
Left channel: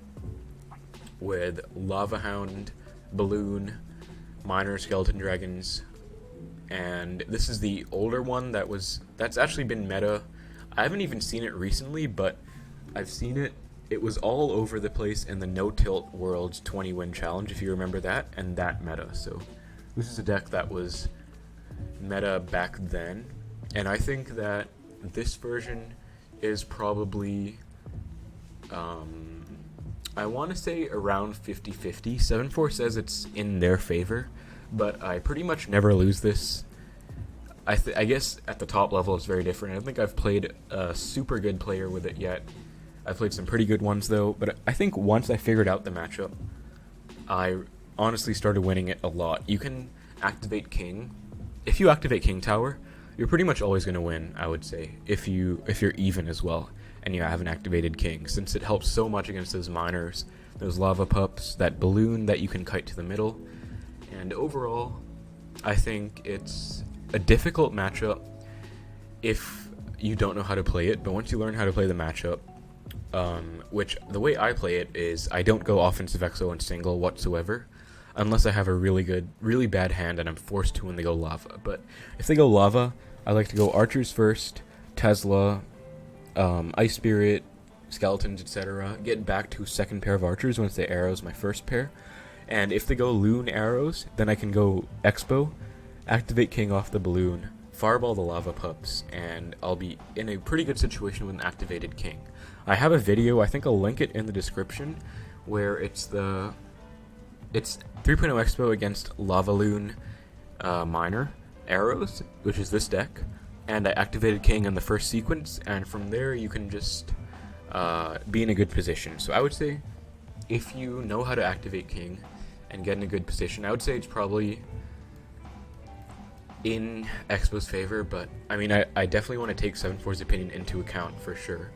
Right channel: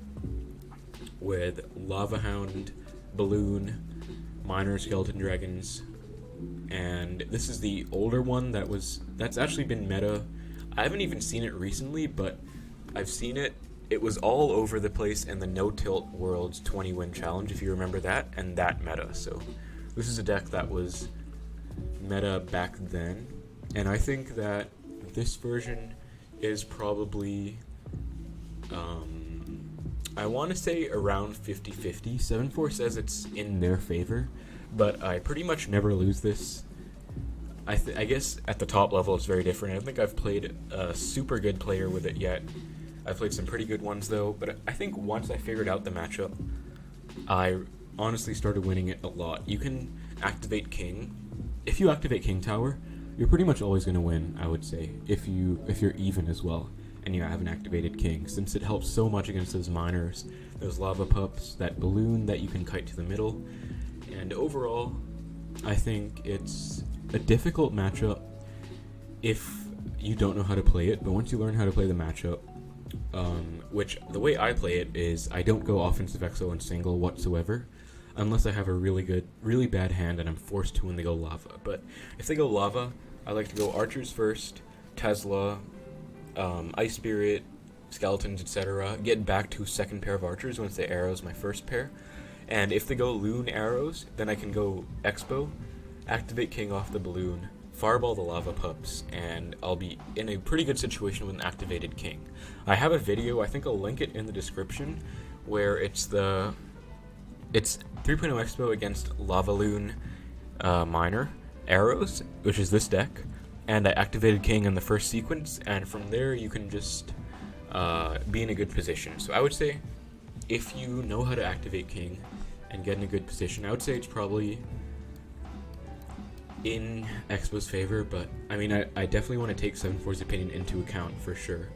with Lavahound, Balloon, Miner, Skeleton Dragons, and this is the older one that's actually been meta. I haven't even seen it recently, but I've seen it. It was all over the place in the No Tilt Worlds 20-win challenge, if you remember that, and that meta. So this is a deck that was meta back then, and I think that this version is probably, I want to say around 50-50. 7-4 says it's in their favor, but I pretty much never lose this. I guess at the top level it's very different. I don't think I've played a super good player with it yet. I've played some pretty good ones though, but I think once I figured out the matchup, I honestly started winning it a lot. You can activate King. If you activate King Tower, you're pretty much always going to win, I would say, if you're even as well, and you have an activated King, since it helps so much against those miners, those lava pups, that balloon that you can kite to the middle. And overall, I think it's a difficult matchup if you don't know how to play it, but once you learn how to play the matchup, which the way I play it is I don't go offensive exo and single whatsoever, unless I have a really bad hand and I'm forced to when they go lava. But if they go lava, I like to go archers first, Tesla, Ice Spirit, skeletons, etc., get back to second pair of archers once the arrows my first pair. And if they go loon arrows, then I can go Xbow, activate king off the balloon, fireball the lava pups, and I'll be in a pretty good situation with an activated king. I have a video, I think I'll link it in the description, where it's 3.0 Xbow against LavaLoon Miner arrows, which is this deck, and I activated king in the first sequence, and from there you can just be in a good position. So I would say if you know how to activate king and get in a good position, I would say it's probably in Xbow's favor, but I mean, I definitely want to take 7-4's opinion into account for sure.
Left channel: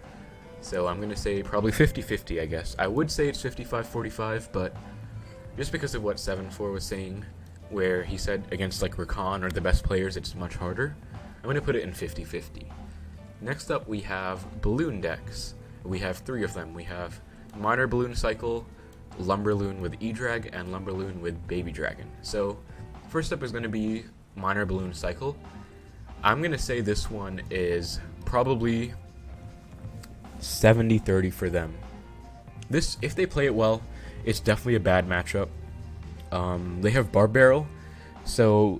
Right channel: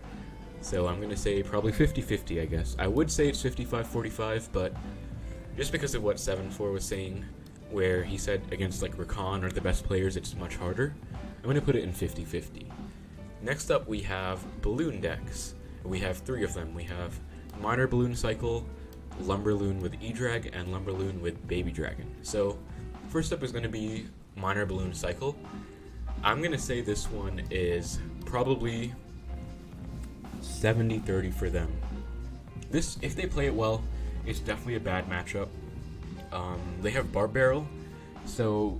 So I'm going to say probably 50-50, I guess. I would say it's 55-45, but just because of what 7-4 was saying, where he said against like Rakan or the best players it's much harder, I'm going to put it in 50-50. Next up we have balloon decks. We have 3 of them. We have Minor Balloon Cycle, LumberLoon with E-Drag, and LumberLoon with Baby Dragon. So first up is going to be Minor Balloon Cycle. I'm going to say this one is probably 70-30 for them. This, if they play it well, it's definitely a bad matchup. They have Barb Barrel, so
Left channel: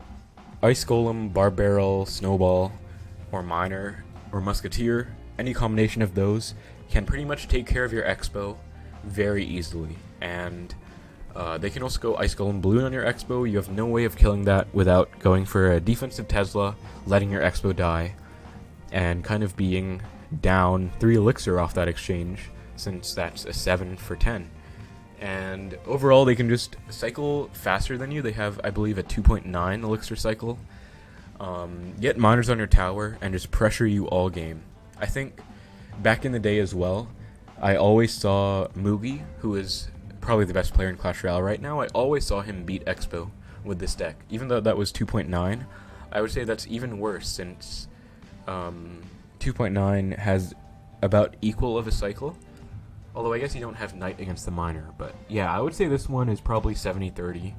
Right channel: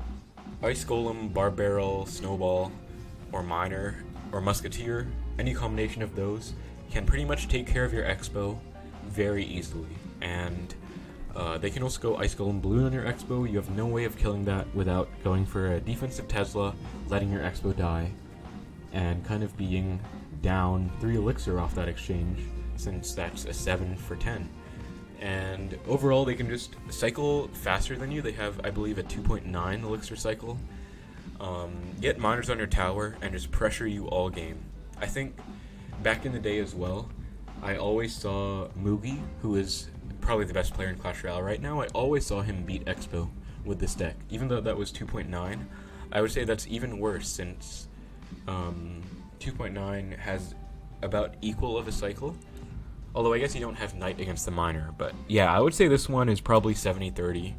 Ice Golem, Barb Barrel, Snowball, or Miner, or Musketeer, any combination of those can pretty much take care of your Xbow very easily. And they can also go Ice Golem Balloon on your Xbow. You have no way of killing that without going for a defensive Tesla, letting your Xbow die, and kind of being down 3 elixir off that exchange, since that's a 7 for 10. And overall, they can just cycle faster than you. They have, I believe, a 2.9 elixir cycle. Get miners on your tower and just pressure you all game. I think back in the day as well, I always saw Mugi, who is probably the best player in Clash Royale right now, I always saw him beat Xbow with this deck. Even though that was 2.9, I would say that's even worse, since 2.9 has about equal of a cycle. Although I guess you don't have Knight against the Miner, but yeah, I would say this one is probably 70-30.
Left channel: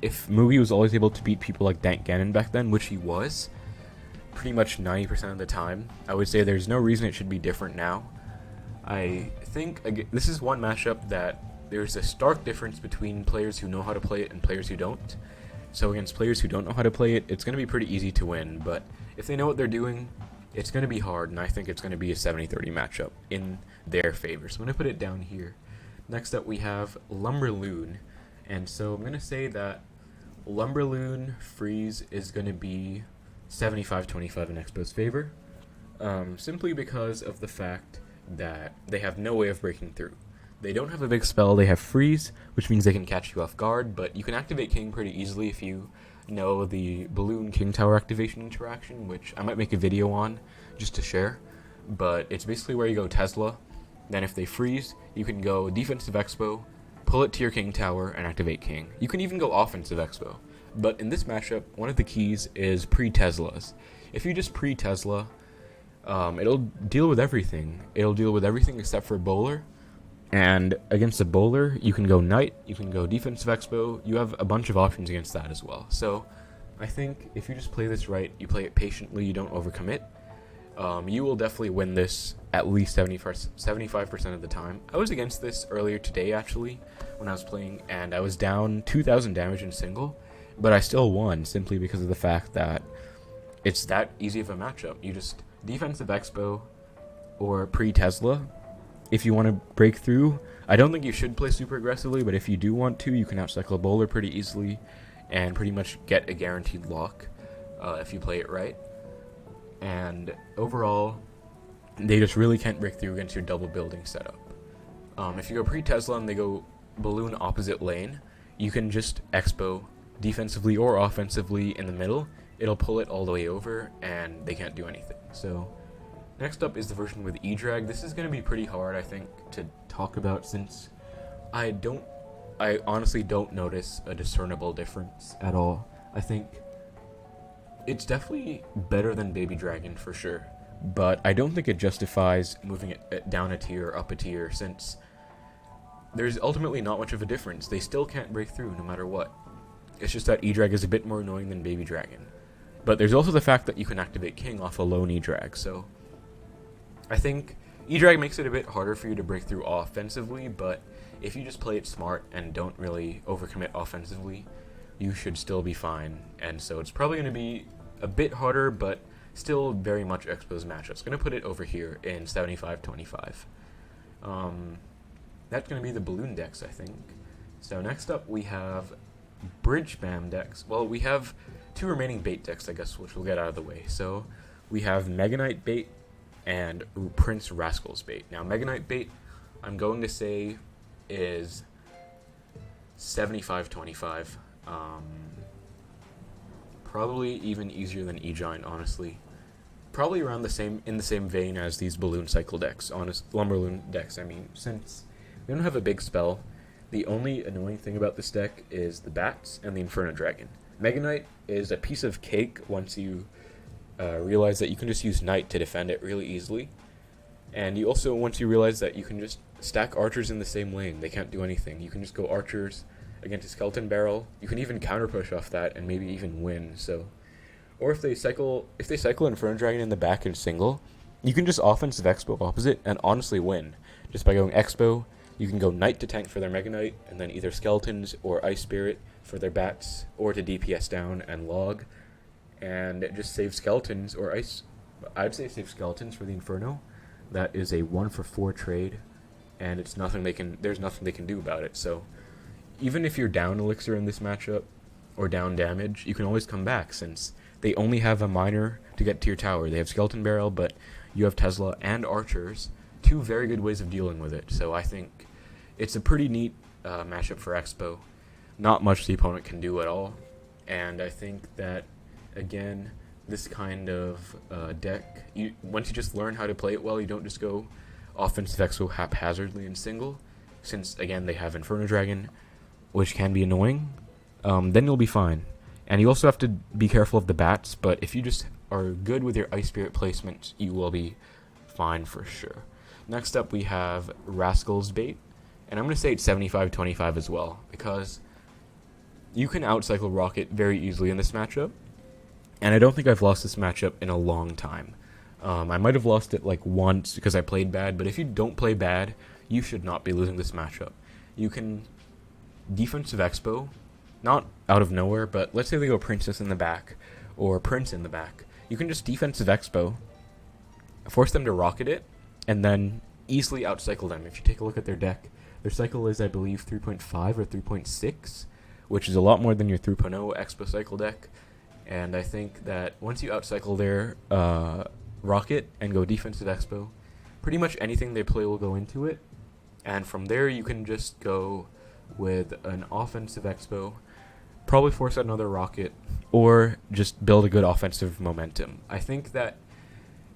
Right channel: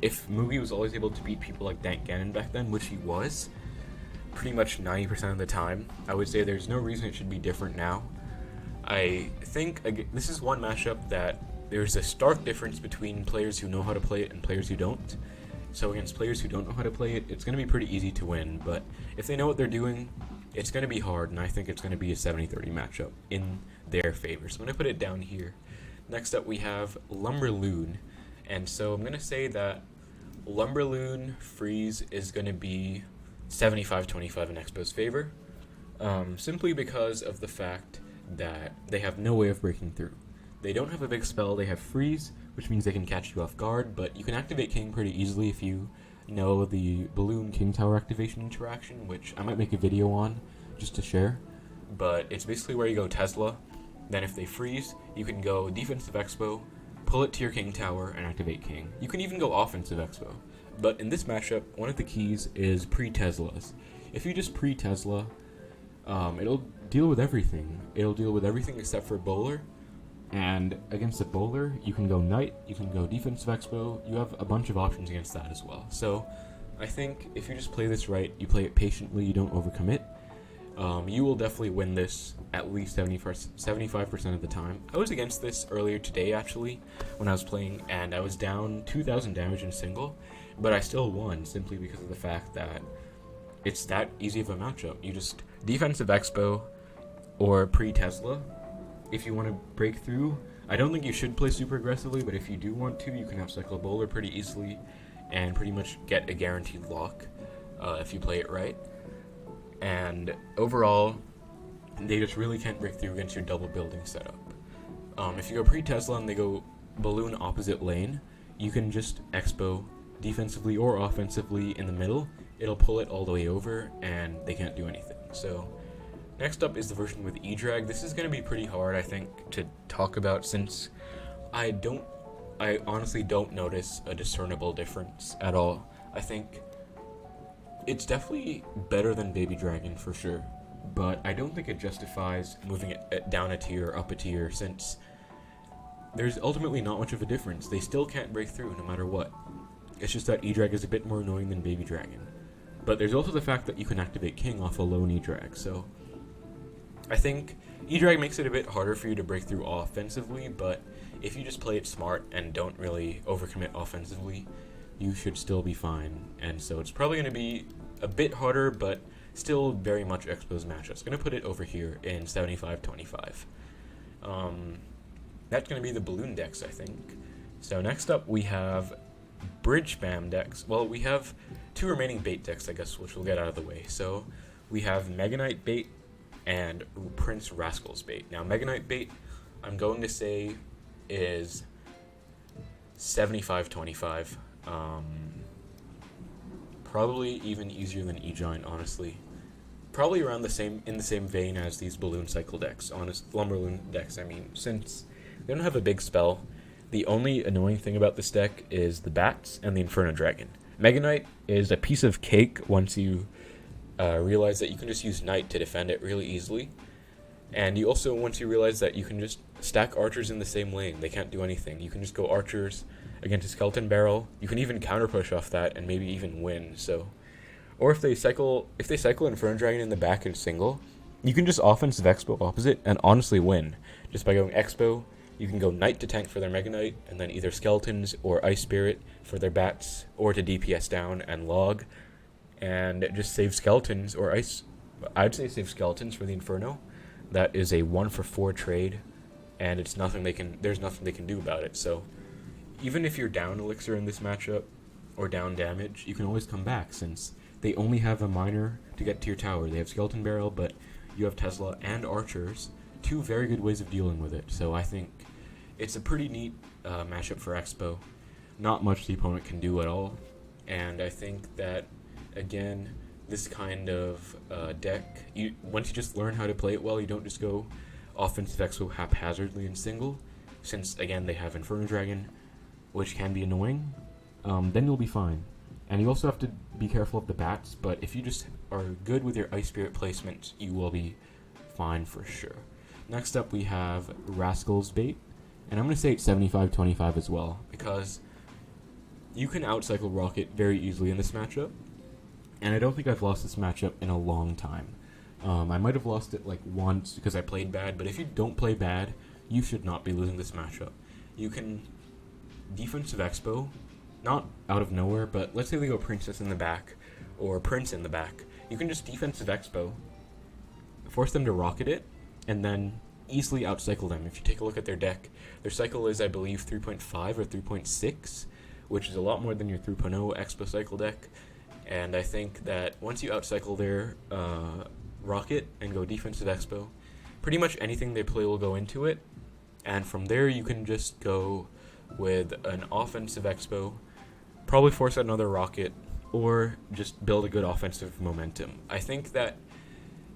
If Mugi was always able to beat people like Dank Ganon back then, which he was, pretty much 90% of the time, I would say there's no reason it should be different now. I think this is one matchup that there's a stark difference between players who know how to play it and players who don't. So against players who don't know how to play it, it's going to be pretty easy to win, but if they know what they're doing, it's going to be hard, and I think it's going to be a 70-30 matchup in their favor. So I'm going to put it down here. Next up we have LumberLoon, and so I'm going to say that LumberLoon freeze is going to be 75-25 in Xbow's favor, simply because of the fact that they have no way of breaking through. They don't have a big spell, they have freeze, which means they can catch you off guard, but you can activate king pretty easily if you know the balloon king tower activation interaction, which I might make a video on just to share. But it's basically where you go Tesla, then if they freeze, you can go defensive Xbow, pull it to your king tower, and activate king. You can even go offensive Xbow. But in this matchup, one of the keys is pre-Teslas. If you just pre-Tesla, it'll deal with everything. It'll deal with everything except for bowler. And against a bowler, you can go Knight, you can go defensive Xbow, you have a bunch of options against that as well. So I think if you just play this right, you play it patiently, you don't overcommit, you will definitely win this at least 75% of the time. I was against this earlier today, actually, when I was playing, and I was down 2,000 damage in single, but I still won simply because of the fact that it's that easy of a matchup. You just defensive Xbow or pre-Tesla. If you want to break through, I don't think you should play super aggressively, but if you do want to, you can outcycle bowler pretty easily and pretty much get a guaranteed lock if you play it right. And overall, they just really can't break through against your double building setup. If you go pre-Tesla and they go balloon opposite lane, you can just Xbow defensively or offensively in the middle. It'll pull it all the way over, and they can't do anything. So next up is the version with E-Drag. This is going to be pretty hard, I think, to talk about, since I honestly don't notice a discernible difference at all. I think it's definitely better than Baby Dragon for sure, but I don't think it justifies moving it down a tier or up a tier, since there's ultimately not much of a difference. They still can't break through no matter what. It's just that E-Drag is a bit more annoying than Baby Dragon. But there's also the fact that you can activate King off a lone E-Drag, so I think E-Drag makes it a bit harder for you to break through offensively, but if you just play it smart and don't really overcommit offensively, you should still be fine. And so it's probably going to be a bit harder, but still very much Xbow's matchup. It's going to put it over here in 75-25. That's going to be the balloon decks, I think. So next up we have Bridgespam Decks. Well, we have 2 remaining bait decks, I guess, which we'll get out of the way. So we have Mega Knight Bait and Prince Rascals Bait. Now, Mega Knight Bait, I'm going to say, is 75-25. Probably even easier than E-Giant, honestly. Probably around the same, in the same vein as these balloon cycle decks, LumberLoon decks. I mean, since they don't have a big spell, the only annoying thing about this deck is the bats and the Inferno Dragon. Mega Knight is a piece of cake once you realize that you can just use Knight to defend it really easily. And you also, once you realize that you can just stack archers in the same lane, they can't do anything. You can just go archers against a skeleton barrel. You can even counter push off that and maybe even win. So, or if they cycle Inferno Dragon in the back and single, you can just offensive Xbow opposite and honestly win. Just by going Xbow, you can go Knight to tank for their Mega Knight, and then either Skeletons or Ice Spirit for their bats, or to DPS down and log, and just save Skeletons or Ice. I'd say save Skeletons for the Inferno. That is a 1-for-4 trade, and there's nothing they can do about it. So even if you're down Elixir in this matchup, or down damage, you can always come back, since they only have a miner to get to your tower. They have Skeleton Barrel, but you have Tesla and Archers, 2 very good ways of dealing with it. So I think it's a pretty neat matchup for Xbow. Not much the opponent can do at all, and I think that, again, this kind of deck, once you just learn how to play it well, you don't just go offensive Xbow haphazardly in single, since, again, they have Inferno Dragon, which can be annoying, then you'll be fine. And you also have to be careful of the bats, but if you just are good with your Ice Spirit placement, you will be fine for sure. Next up, we have Rascals Bait, and I'm going to say it's 75-25 as well, because you can outcycle Rocket very easily in this matchup, and I don't think I've lost this matchup in a long time. I might have lost it like once because I played bad, but if you don't play bad, you should not be losing this matchup. You can defensive Xbow, not out of nowhere, but let's say they go Princess in the back, or Prince in the back. You can just defensive Xbow, force them to Rocket it, and then easily outcycle them. If you take a look at their deck, their cycle is, I believe, 3.5 or 3.6, which is a lot more than your 3.0 Xbow Cycle deck. And I think that once you outcycle their Rocket and go defensive Xbow, pretty much anything they play will go into it. And from there, you can just go with an offensive Xbow, probably force out another Rocket, or just build a good offensive momentum. I think that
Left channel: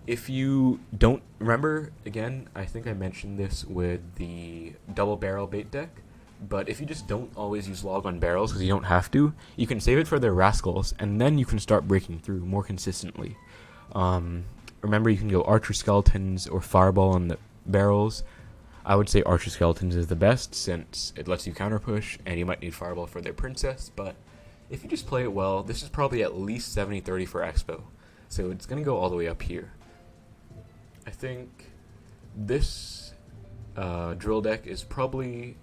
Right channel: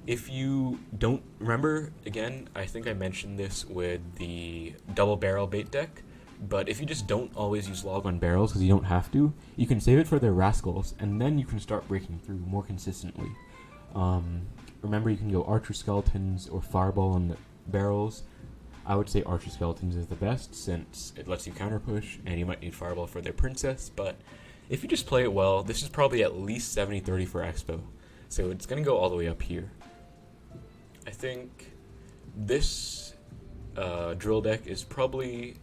if you don't remember, again, I think I mentioned this with the double barrel bait deck, but if you just don't always use log on barrels because you don't have to, you can save it for their Rascals, and then you can start breaking through more consistently. Remember, you can go Archer Skeletons or Fireball on the barrels. I would say Archer Skeletons is the best, since it lets you counter push, and you might need Fireball for their Princess, but if you just play it well, this is probably at least 70-30 for Xbow, so it's going to go all the way up here. I think this drill deck is probably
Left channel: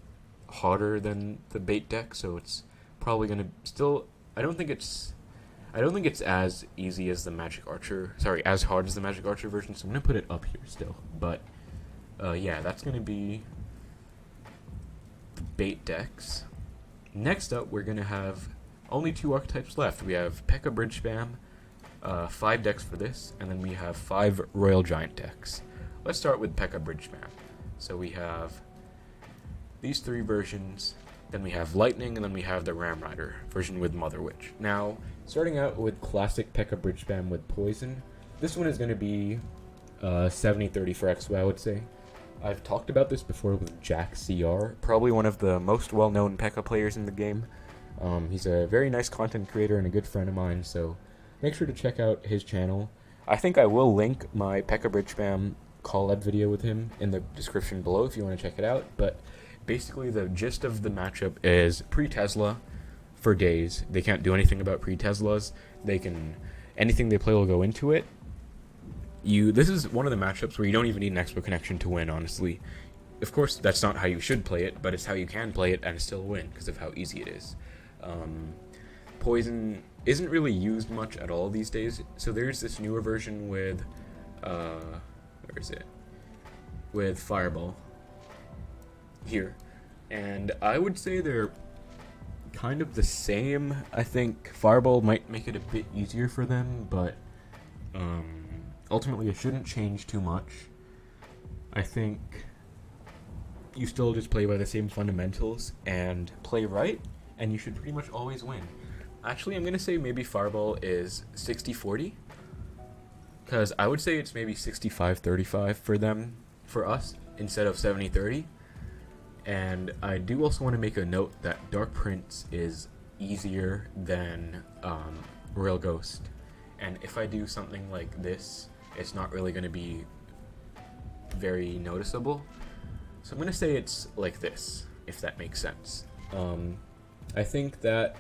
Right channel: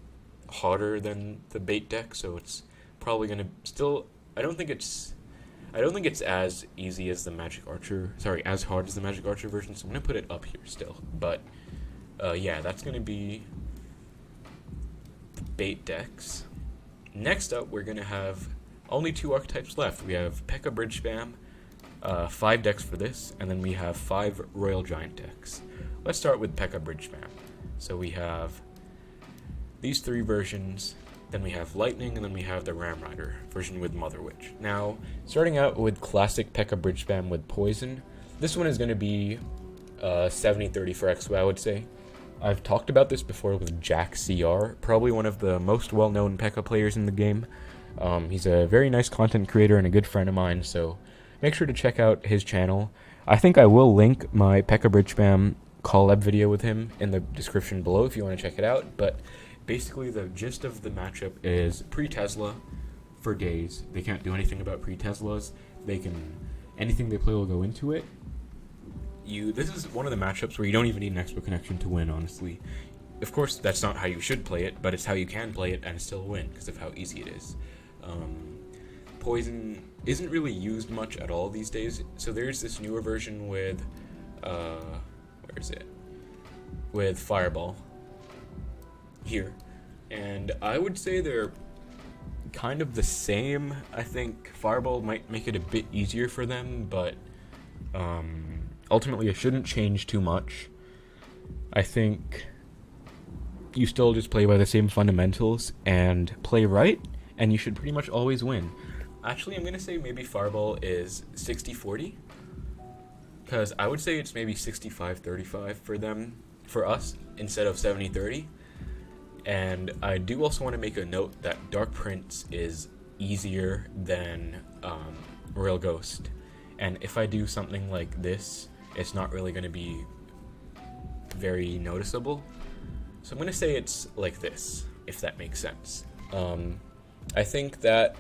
harder than the bait deck, so it's probably going to still, I don't think it's as easy as the Magic Archer, as hard as the Magic Archer version, so I'm going to put it up here still, but yeah, that's going to be the bait decks. Next up, we're going to have only 2 archetypes left. We have P.E.K.K.A Bridgespam, 5 decks for this, and then we have 5 Royal Giant decks. Let's start with P.E.K.K.A Bridgespam. So we have these 3 versions, then we have Lightning, and then we have the Ram Rider version with Mother Witch. Now, starting out with classic P.E.K.K.A Bridgespam with Poison, this one is going to be 70-30 for Xbow, I would say. I've talked about this before with Jack CR, probably one of the most well-known P.E.K.K.A players in the game. He's a very nice content creator and a good friend of mine, so make sure to check out his channel. I think I will link my P.E.K.K.A Bridgespam collab video with him in the description below if you want to check it out, but basically the gist of the matchup is pre-Tesla for days. They can't do anything about pre-Teslas. Anything they play will go into it. This is one of the matchups where you don't even need an Xbow connection to win, honestly. Of course, that's not how you should play it, but it's how you can play it and still win because of how easy it is. Poison isn't really used much at all these days, so there's this newer version with, where is it? With Fireball here, and I would say they're kind of the same. I think Fireball might make it a bit easier for them, but ultimately it shouldn't change too much. I think you still just play by the same fundamentals and play right, and you should pretty much always win. Actually, I'm going to say maybe Fireball is 60-40, because I would say it's maybe 65-35 for them, for us, instead of 70-30. And I do also want to make a note that Dark Prince is easier than Royal Ghost. And if I do something like this, it's not really going to be very noticeable. So I'm going to say it's like this, if that makes sense. I think that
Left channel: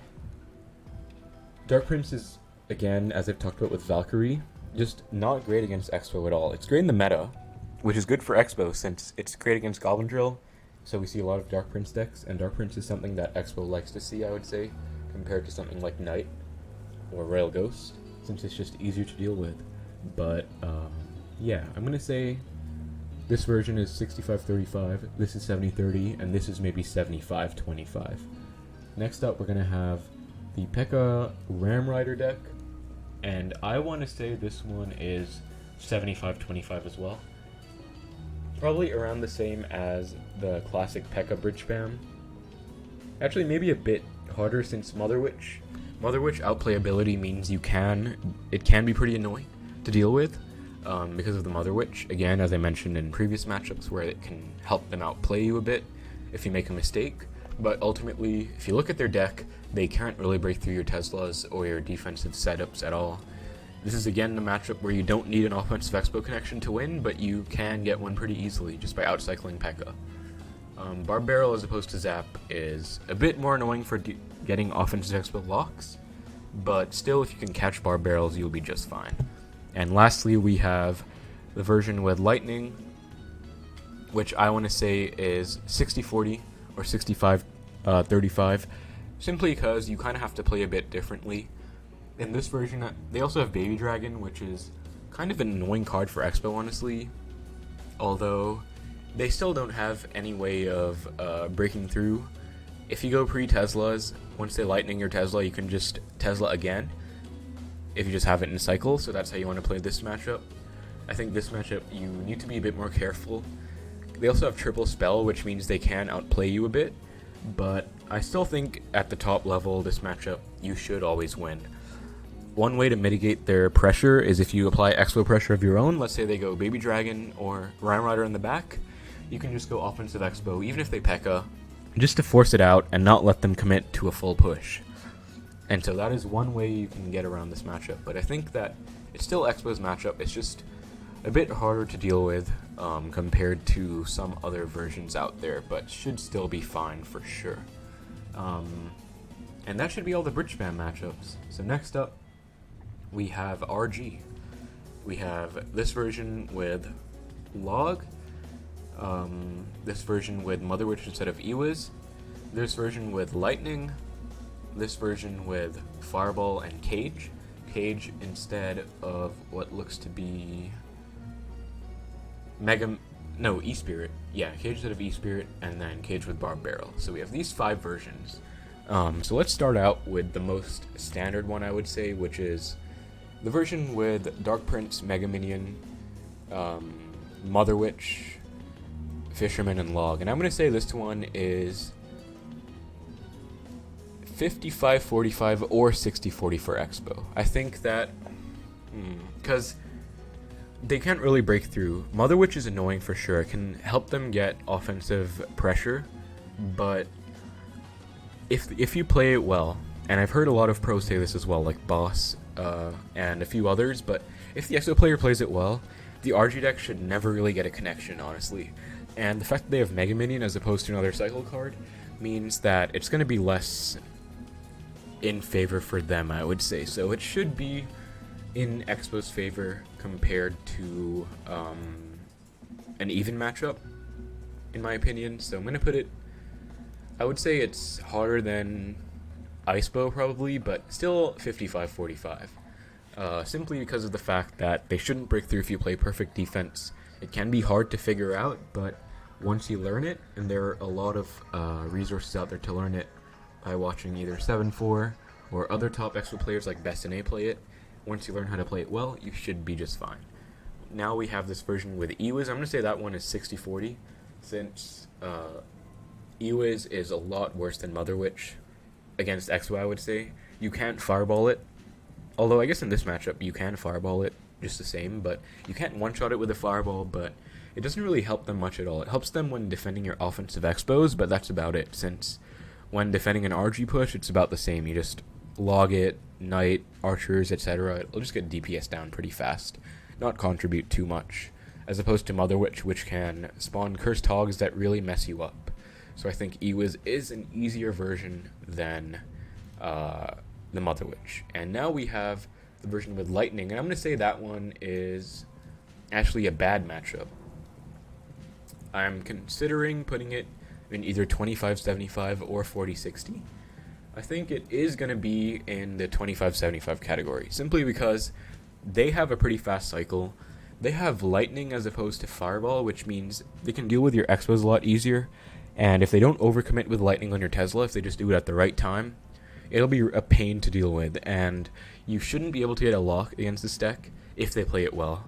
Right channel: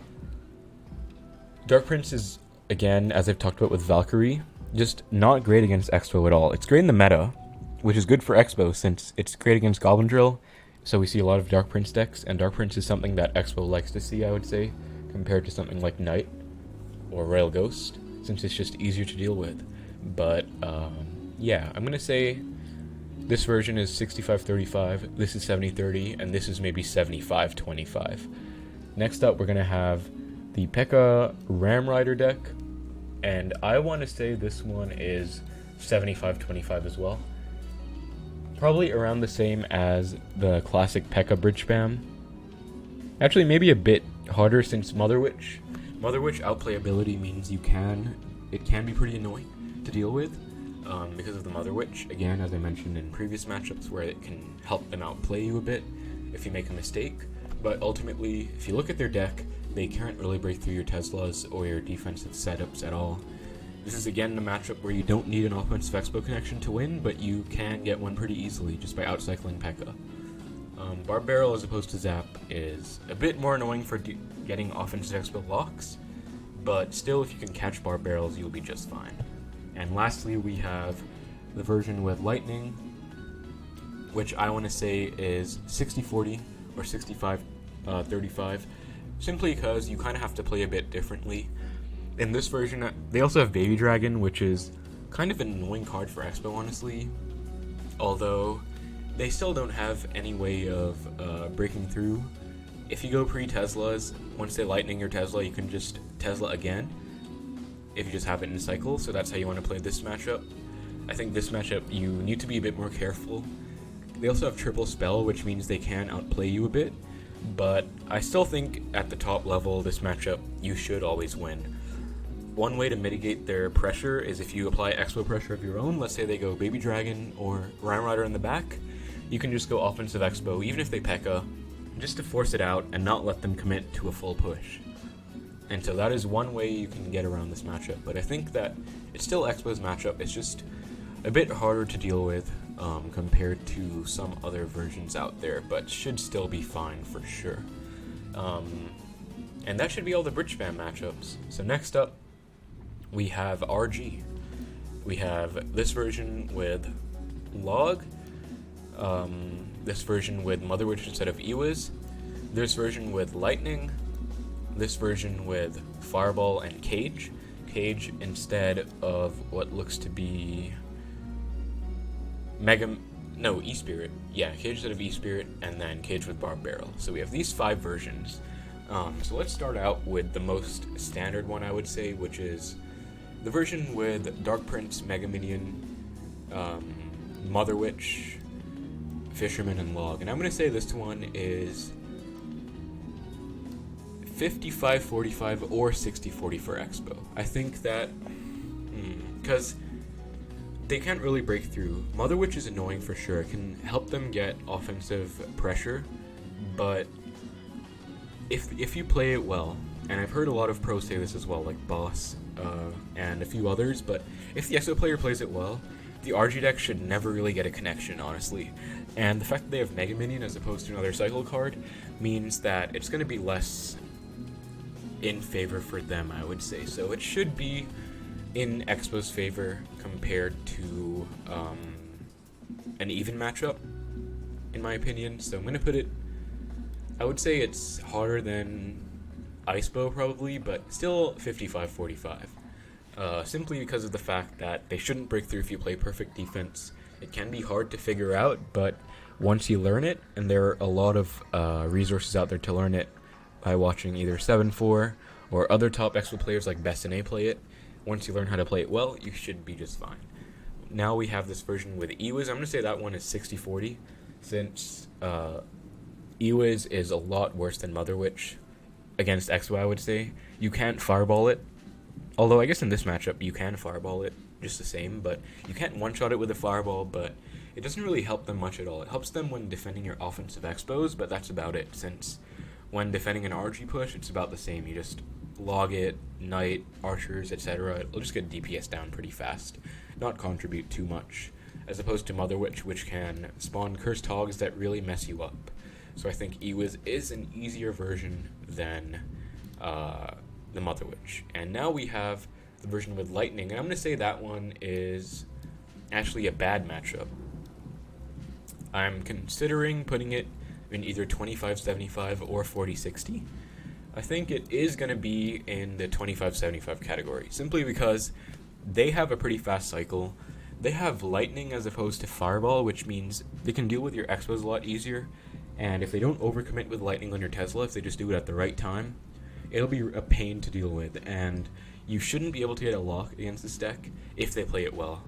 Dark Prince is, again, as I've talked about with Valkyrie, just not great against Xbow at all. It's great in the meta, which is good for Xbow since it's great against Goblin Drill, so we see a lot of Dark Prince decks, and Dark Prince is something that Xbow likes to see, I would say, compared to something like Knight or Royal Ghost, since it's just easier to deal with. But, yeah, I'm going to say this version is 65-35, this is 70-30, and this is maybe 75-25. Next up, we're going to have the P.E.K.K.A Ram Rider deck, and I want to say this one is 75-25 as well. Probably around the same as the classic P.E.K.K.A Bridgespam. Actually, maybe a bit harder since Mother Witch. Mother Witch outplayability means it can be pretty annoying to deal with because of the Mother Witch. Again, as I mentioned in previous matchups, where it can help them outplay you a bit if you make a mistake. But ultimately, if you look at their deck, they can't really break through your Teslas or your defensive setups at all. This is again a matchup where you don't need an offensive Xbow connection to win, but you can get one pretty easily just by outcycling P.E.K.K.A. Barb Barrel as opposed to Zap is a bit more annoying for getting offensive Xbow locks, but still if you can catch Barb Barrels you'll be just fine. And lastly we have the version with Lightning, which I want to say is 60-40 or 65-35, simply because you kind of have to play a bit differently. In this version, they also have Baby Dragon, which is kind of an annoying card for Xbow, honestly. Although, they still don't have any way of breaking through. If you go pre-Teslas, once they lightning your Tesla, you can just Tesla again, if you just have it in a cycle, so that's how you want to play this matchup. I think this matchup, you need to be a bit more careful. They also have Triple Spell, which means they can outplay you a bit, but I still think at the top level, this matchup, you should always win. One way to mitigate their pressure is if you apply Xbow pressure of your own. Let's say they go Baby Dragon or Ram Rider in the back, you can just go offensive Xbow, even if they P.E.K.K.A, just to force it out and not let them commit to a full push. And so that is one way you can get around this matchup, but I think that it's still Xbow's matchup. It's just a bit harder to deal with compared to some other versions out there, but should still be fine for sure. And that should be all the Bridgespam matchups. So next up, we have RG. We have this version with Log, this version with Mother Witch instead of Ewiz, this version with Lightning, this version with Fireball and Cage. Cage instead of what looks to be E-Spirit. Yeah, Cage instead of E-Spirit, and then Cage with Barb Barrel. So we have these 5 versions. So let's start out with the most standard one, I would say, which is the version with Dark Prince, Mega Minion, Mother Witch, Fisherman, and Log. And I'm going to say this one is 55-45 or 60-40 for Xbow. I think that, because they can't really break through. Mother Witch is annoying for sure. It can help them get offensive pressure, but if you play it well, and I've heard a lot of pros say this as well, like Boss and a few others, but if the Xbow player plays it well, the RG deck should never really get a connection, honestly. And the fact that they have Mega Minion as opposed to another cycle card means that it's going to be less in favor for them, I would say. So it should be in Xbow's favor compared to an even matchup, in my opinion. So I'm going to put it, I would say it's harder than Icebow probably, but still 55-45. Simply because of the fact that they shouldn't break through if you play perfect defense. It can be hard to figure out, but once you learn it, and there are a lot of resources out there to learn it by watching either 7-4 or other top Xbow players like BaNa play it, once you learn how to play it well, you should be just fine. Now we have this version with Ewiz. I'm going to say that one is 60-40, since Ewiz is a lot worse than Mother Witch against Xbow, I would say. You can't fireball it, although I guess in this matchup you can fireball it just the same, but you can't one-shot it with a fireball, but it doesn't really help them much at all. It helps them when defending your offensive Xbows, but that's about it, since when defending an RG push, it's about the same. You just log it, knight, archers, etc. It'll just get DPS down pretty fast, not contribute too much, as opposed to Mother Witch, which can spawn cursed hogs that really mess you up. So I think Ewiz is an easier version than the Mother Witch. And now we have the version with Lightning, and I'm going to say that one is actually a bad matchup. I'm considering putting it in either 25-75 or 40-60. I think it is going to be in the 25-75 category, simply because they have a pretty fast cycle. They have Lightning as opposed to Fireball, which means they can deal with your Xbows a lot easier. And if they don't overcommit with Lightning on your Tesla, if they just do it at the right time, it'll be a pain to deal with. And you shouldn't be able to get a lock against this deck if they play it well.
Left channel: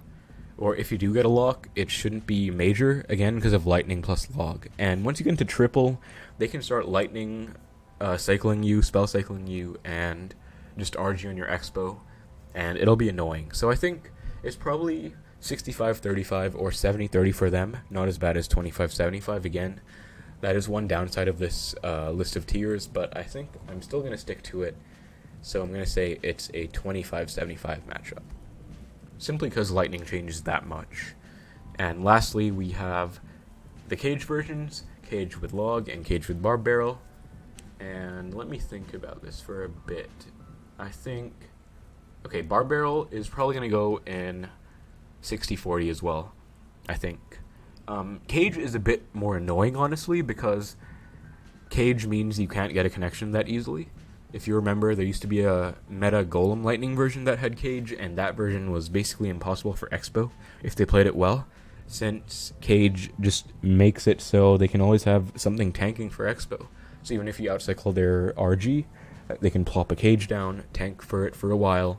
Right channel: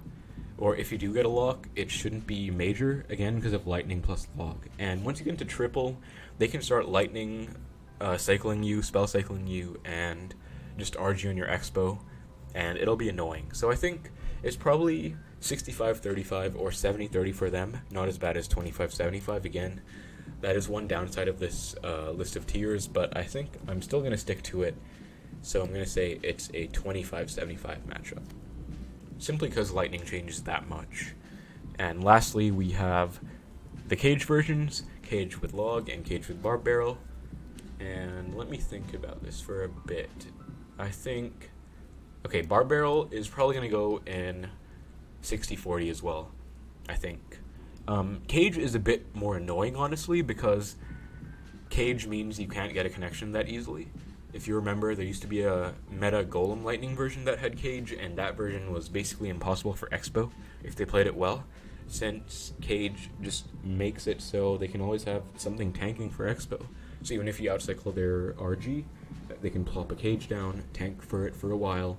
Or if you do get a lock, it shouldn't be major, again, because of Lightning plus log. And once you get into triple, they can start Lightning cycling you, spell cycling you, and just RG on your Xbow, and it'll be annoying. So I think it's probably 65-35 or 70-30 for them, not as bad as 25-75 again. That is one downside of this list of tiers, but I think I'm still going to stick to it. So I'm going to say it's a 25-75 matchup, simply because Lightning changes that much. And lastly, we have the Cage versions, Cage with Log and Cage with Barb Barrel. And let me think about this for a bit. I think, okay, Barb Barrel is probably going to go in 60-40 as well, I think. Cage is a bit more annoying, honestly, because Cage means you can't get a connection that easily. If you remember, there used to be a meta Golem Lightning version that had Cage, and that version was basically impossible for Xbow if they played it well, since Cage just makes it so they can always have something tanking for Xbow. So even if you outcycle their RG, they can plop a Cage down, tank for it for a while,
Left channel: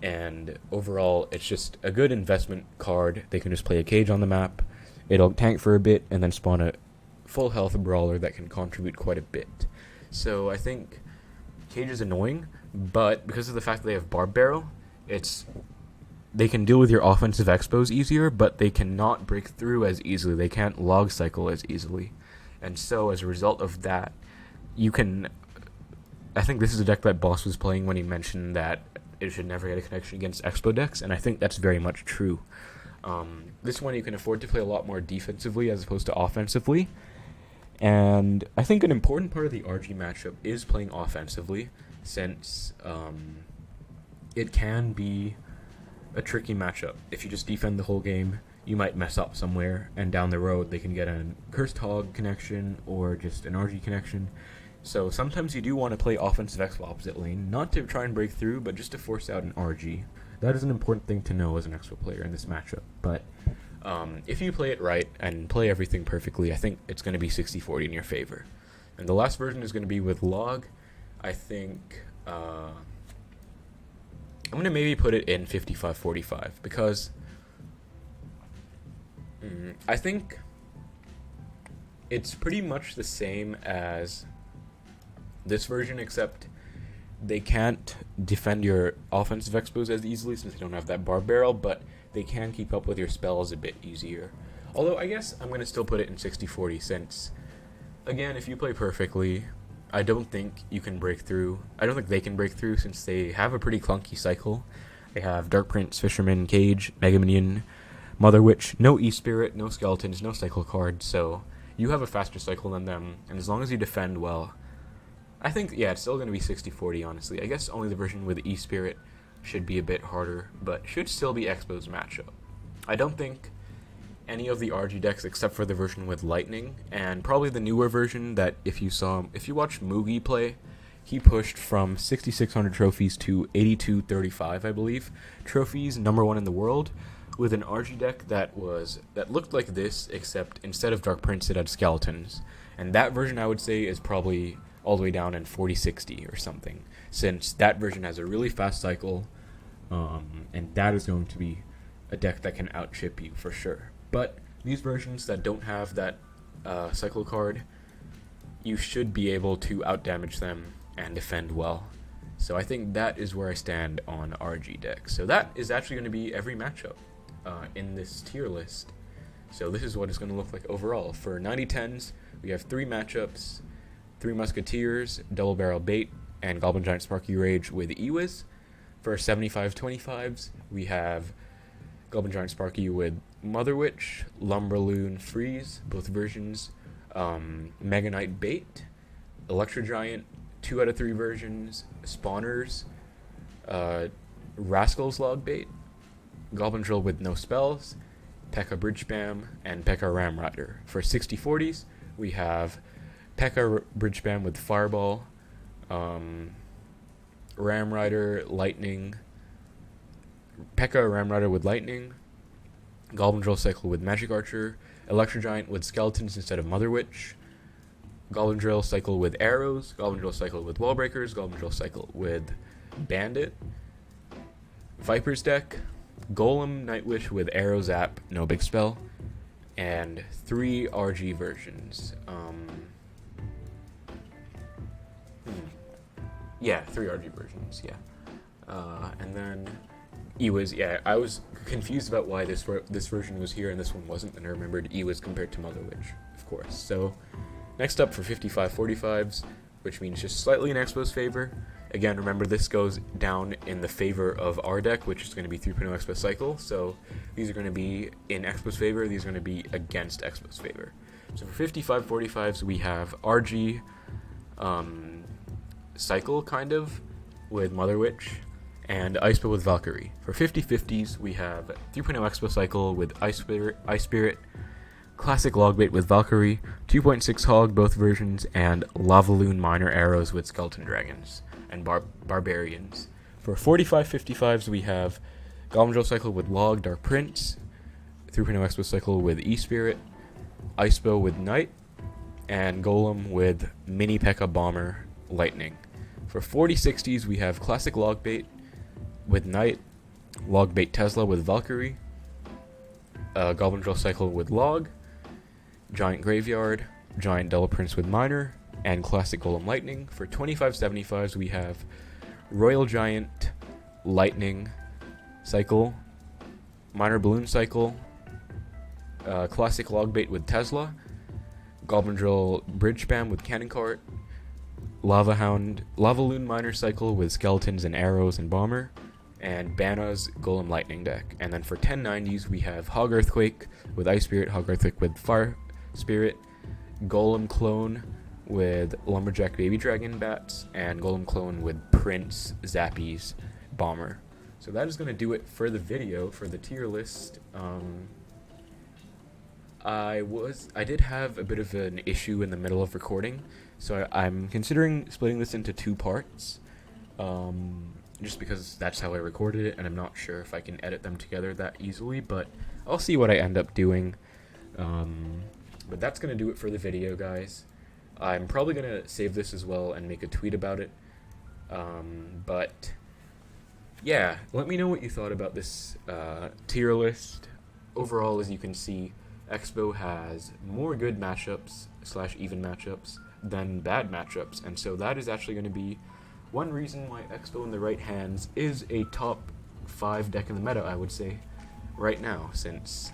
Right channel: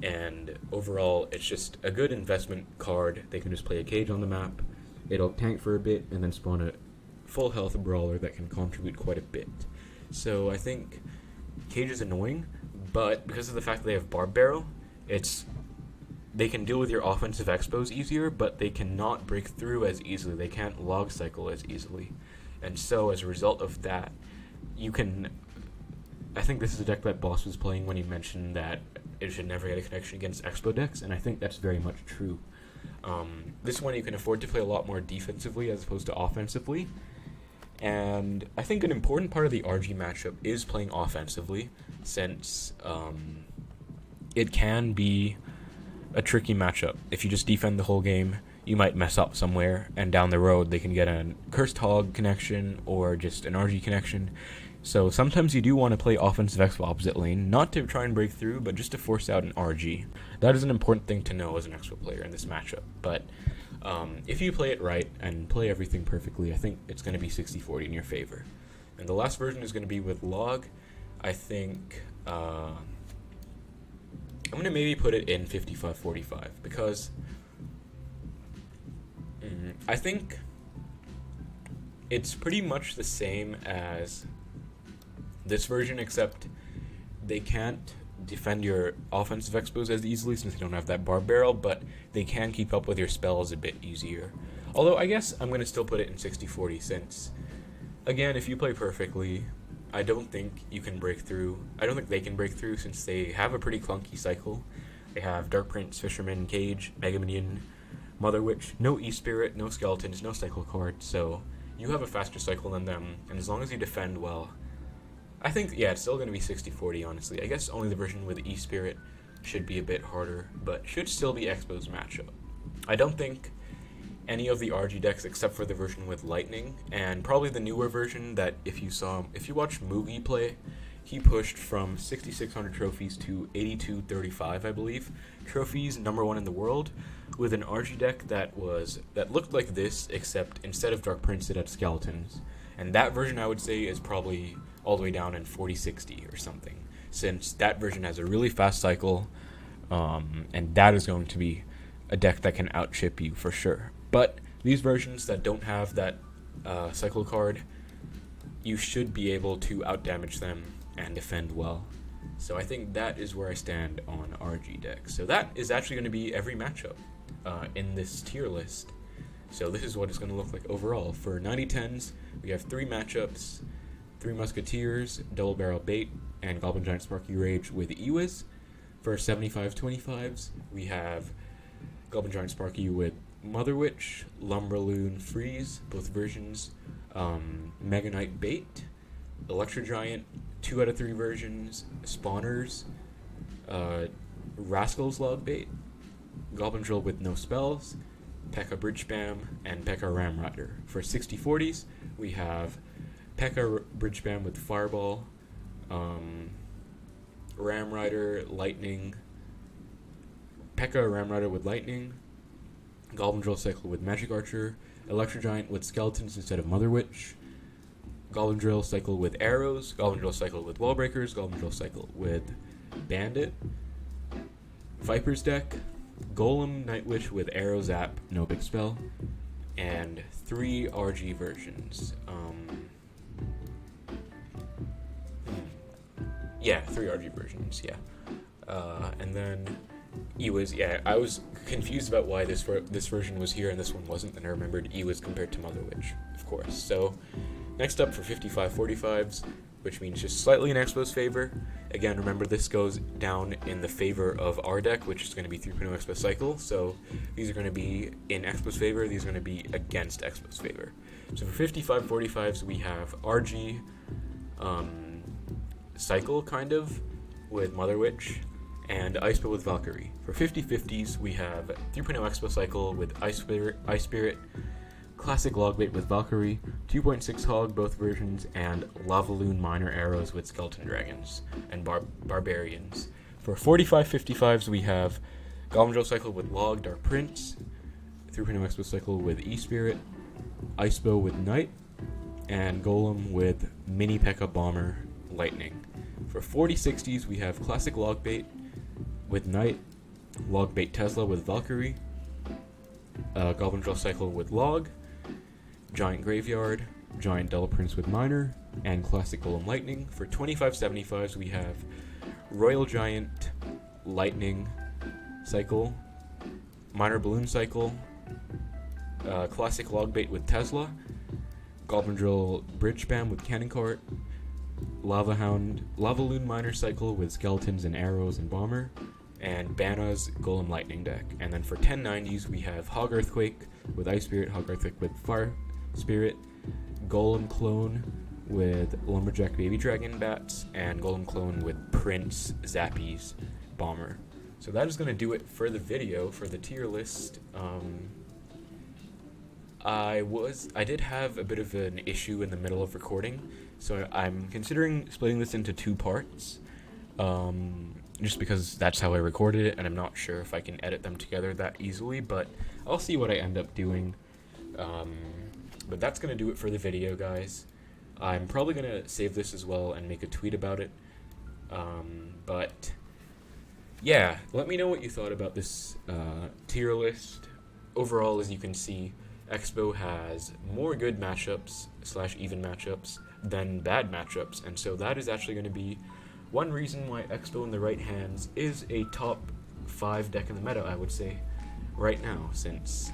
and overall it's just a good investment card. They can just play a Cage on the map, it'll tank for a bit, and then spawn a full health brawler that can contribute quite a bit. So I think Cage is annoying, but because of the fact that they have Barb Barrel, they can deal with your offensive Xbows easier, but they cannot break through as easily. They can't log cycle as easily. And so as a result of that, I think this is a deck that Boss was playing when he mentioned that it should never get a connection against Xbow decks, and I think that's very much true. This one you can afford to play a lot more defensively as opposed to offensively. And I think an important part of the RG matchup is playing offensively, since it can be a tricky matchup. If you just defend the whole game, you might mess up somewhere, and down the road they can get a Cursed Hog connection or just an RG connection. So sometimes you do want to play offensive Xbow opposite lane, not to try and break through, but just to force out an RG. That is an important thing to know as an Xbow player in this matchup. But if you play it right and play everything perfectly, I think it's going to be 60-40 in your favor. And the last version is going to be with Log. I think I'm going to maybe put it in 55-45, because I think it's pretty much the same as this version, except they can't defend your offensive Xbows as easily since they don't have that Barb Barrel, but they can keep up with your spells a bit easier. Although I guess I'm going to still put it in 60-40, since, again, if you play perfectly, I don't think you can break through. I don't think they can break through, since they have a pretty clunky cycle. They have Dark Prince, Fisherman, Cage, Mega Minion, Mother Witch, no E-Spirit, no Skeletons, no cycle cards, so you have a faster cycle than them, and as long as you defend well, I think, yeah, it's still going to be 60-40, honestly. I guess only the version with E-Spirit should be a bit harder, but should still be Xbow's matchup. I don't think any of the RG decks except for the version with Lightning, and probably the newer version that if you watch Mugi play, he pushed from 6,600 trophies to 8,235, I believe, trophies, #1 in the world, with an RG deck that looked like this, except instead of Dark Prince it had skeletons. And that version I would say is probably all the way down in 4060 or something, since that version has a really fast cycle, and that is going to be a deck that can outchip you for sure. But these versions that don't have that cycle card, you should be able to outdamage them and defend well. So I think that is where I stand on RG decks. So that is actually going to be every matchup in this tier list. So this is what it's going to look like overall. For 9010s, we have 3 matchups, 3 Musketeers, Double Barrel Bait, and Goblin Giant Sparky Rage with Ewiz. For 7525s, we have Goblin Giant Sparky with Mother Witch, LumberLoon Freeze, both versions, Mega Knight Bait, Electro Giant, 2 out of 3 versions, Spawners, Rascals Logbait, Goblin Drill with no spells, P.E.K.K.A Bridgespam, and P.E.K.K.A Ram Rider. For 6040s, we have P.E.K.K.A Bridgespam with Fireball, Ram Rider, Lightning, P.E.K.K.A Ram Rider with Lightning, Goblin Drill Cycle with Magic Archer, Electro Giant with Skeletons instead of Mother Witch, Goblin Drill Cycle with Arrows, Goblin Drill Cycle with Wall Breakers, Goblin Drill Cycle with Bandit, Viiper's deck, Golem Nightwish with Arrow Zap, no big spell, and 3 RG versions. Yeah, 3 RG versions, yeah. And then Ewiz, yeah, I was confused about why this version was here and this one wasn't, and I remembered Ewiz compared to Mother Witch, of course. So, next up for 5545s, which means just slightly in Xbow's favor. Again, remember this goes down in the favor of our deck, which is going to be 3.0 Xbow Cycle. So these are going to be in Xbow's favor, these are going to be against Xbow's favor. So for 5545s, we have RG Cycle, kind of, with Mother Witch, and Icebow with Valkyrie. For 5050s, we have 3.0 Xbow Cycle with Ice Spirit, Classic Logbait with Valkyrie, 2.6 Hog, both versions, and LavaLoon Minor Arrows with Skeleton Dragons and Barbarians. For 4555s, we have Goblin Drill Cycle with Log, Dark Prince, 3.0 Xbow Cycle with E-Spirit, Icebow with Knight, and Golem with Mini P.E.K.K.A Bomber, Lightning. For 4060s, we have Classic Logbait with Knight, Logbait Tesla with Valkyrie, Goblin Drill Cycle with Log, Giant Graveyard, Giant Double Prince with Minor, and Classic Golem Lightning. For 2575s, we have Royal Giant Lightning Cycle, Minor Balloon Cycle, Classic Logbait with Goblin Drill Bridgespam with Cannon Cart, LavaLoon Minor Cycle with Skeletons and Arrows and Bomber, and BaNa's Golem Lightning deck. And then for 1090s, we have Hog Earthquake with Ice Spirit, Hog Earthquake with Fire Spirit, Golem Clone with Lumberjack Baby Dragon Bats, and Golem Clone with Prince Zappies Bomber. So that is going to do it for the video, for the tier list. I did have a bit of an issue in the middle of recording, so I'm considering splitting this into 2 parts. Just because that's how I recorded it, and I'm not sure if I can edit them together that easily, but I'll see what I end up doing. But that's going to do it for the video, guys. I'm probably going to save this as well and make a tweet about it. But yeah, let me know what you thought about this tier list. Overall, as you can see, Xbow has more good matchups / even matchups than bad matchups, and so that is actually going to be one reason why Xbow in the right hands is a top 5 deck in the meta, I would say, right now, since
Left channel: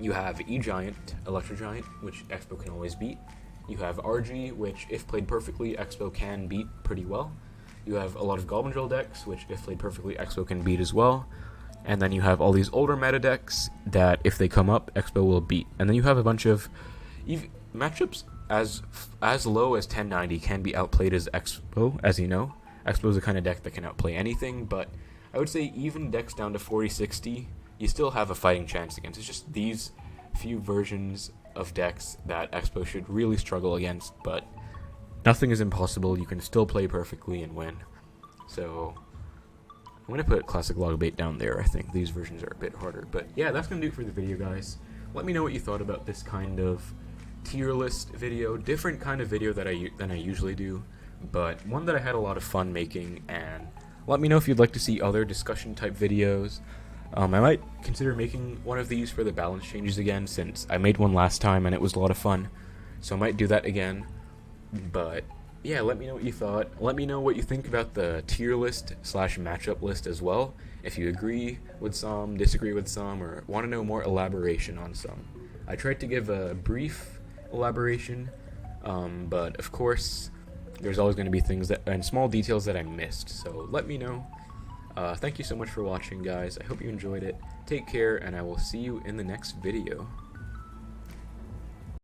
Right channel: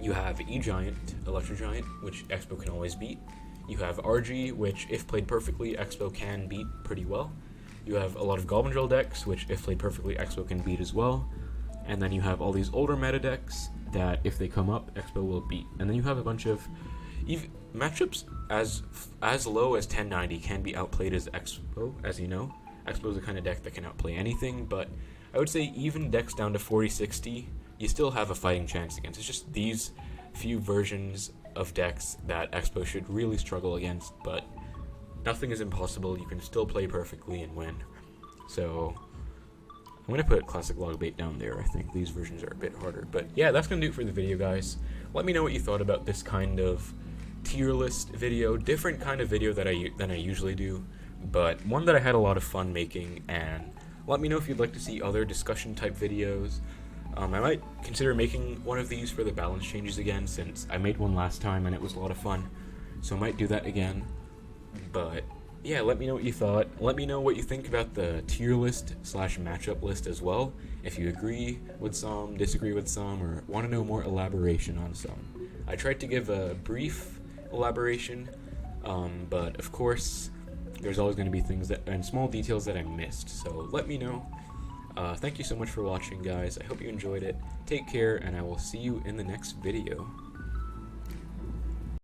you have E-Giant, Electro Giant, which Xbow can always beat. You have RG, which, if played perfectly, Xbow can beat pretty well. You have a lot of Goblin Drill decks, which, if played perfectly, Xbow can beat as well. And then you have all these older meta decks that, if they come up, Xbow will beat. And then you have a bunch of matchups as low as 1090 can be outplayed as Xbow, as you know. Xbow is the kind of deck that can outplay anything, but I would say even decks down to 40-60, you still have a fighting chance against. It's just these few versions of decks that Xbow should really struggle against, but nothing is impossible. You can still play perfectly and win. So I'm going to put Classic Logbait down there. I think these versions are a bit harder. But yeah, that's going to do it for the video, guys. Let me know what you thought about this kind of tier list video. Different kind of video than I usually do, but one that I had a lot of fun making. And let me know if you'd like to see other discussion type videos. I might consider making one of these for the balance changes again, since I made one last time and it was a lot of fun. So I might do that again. But yeah, let me know what you thought. Let me know what you think about the tier list / matchup list as well. If you agree with some, disagree with some, or want to know more elaboration on some. I tried to give a brief elaboration, but of course, there's always going to be things and small details that I missed. So let me know. Thank you so much for watching, guys. I hope you enjoyed it. Take care, and I will see you in the next video.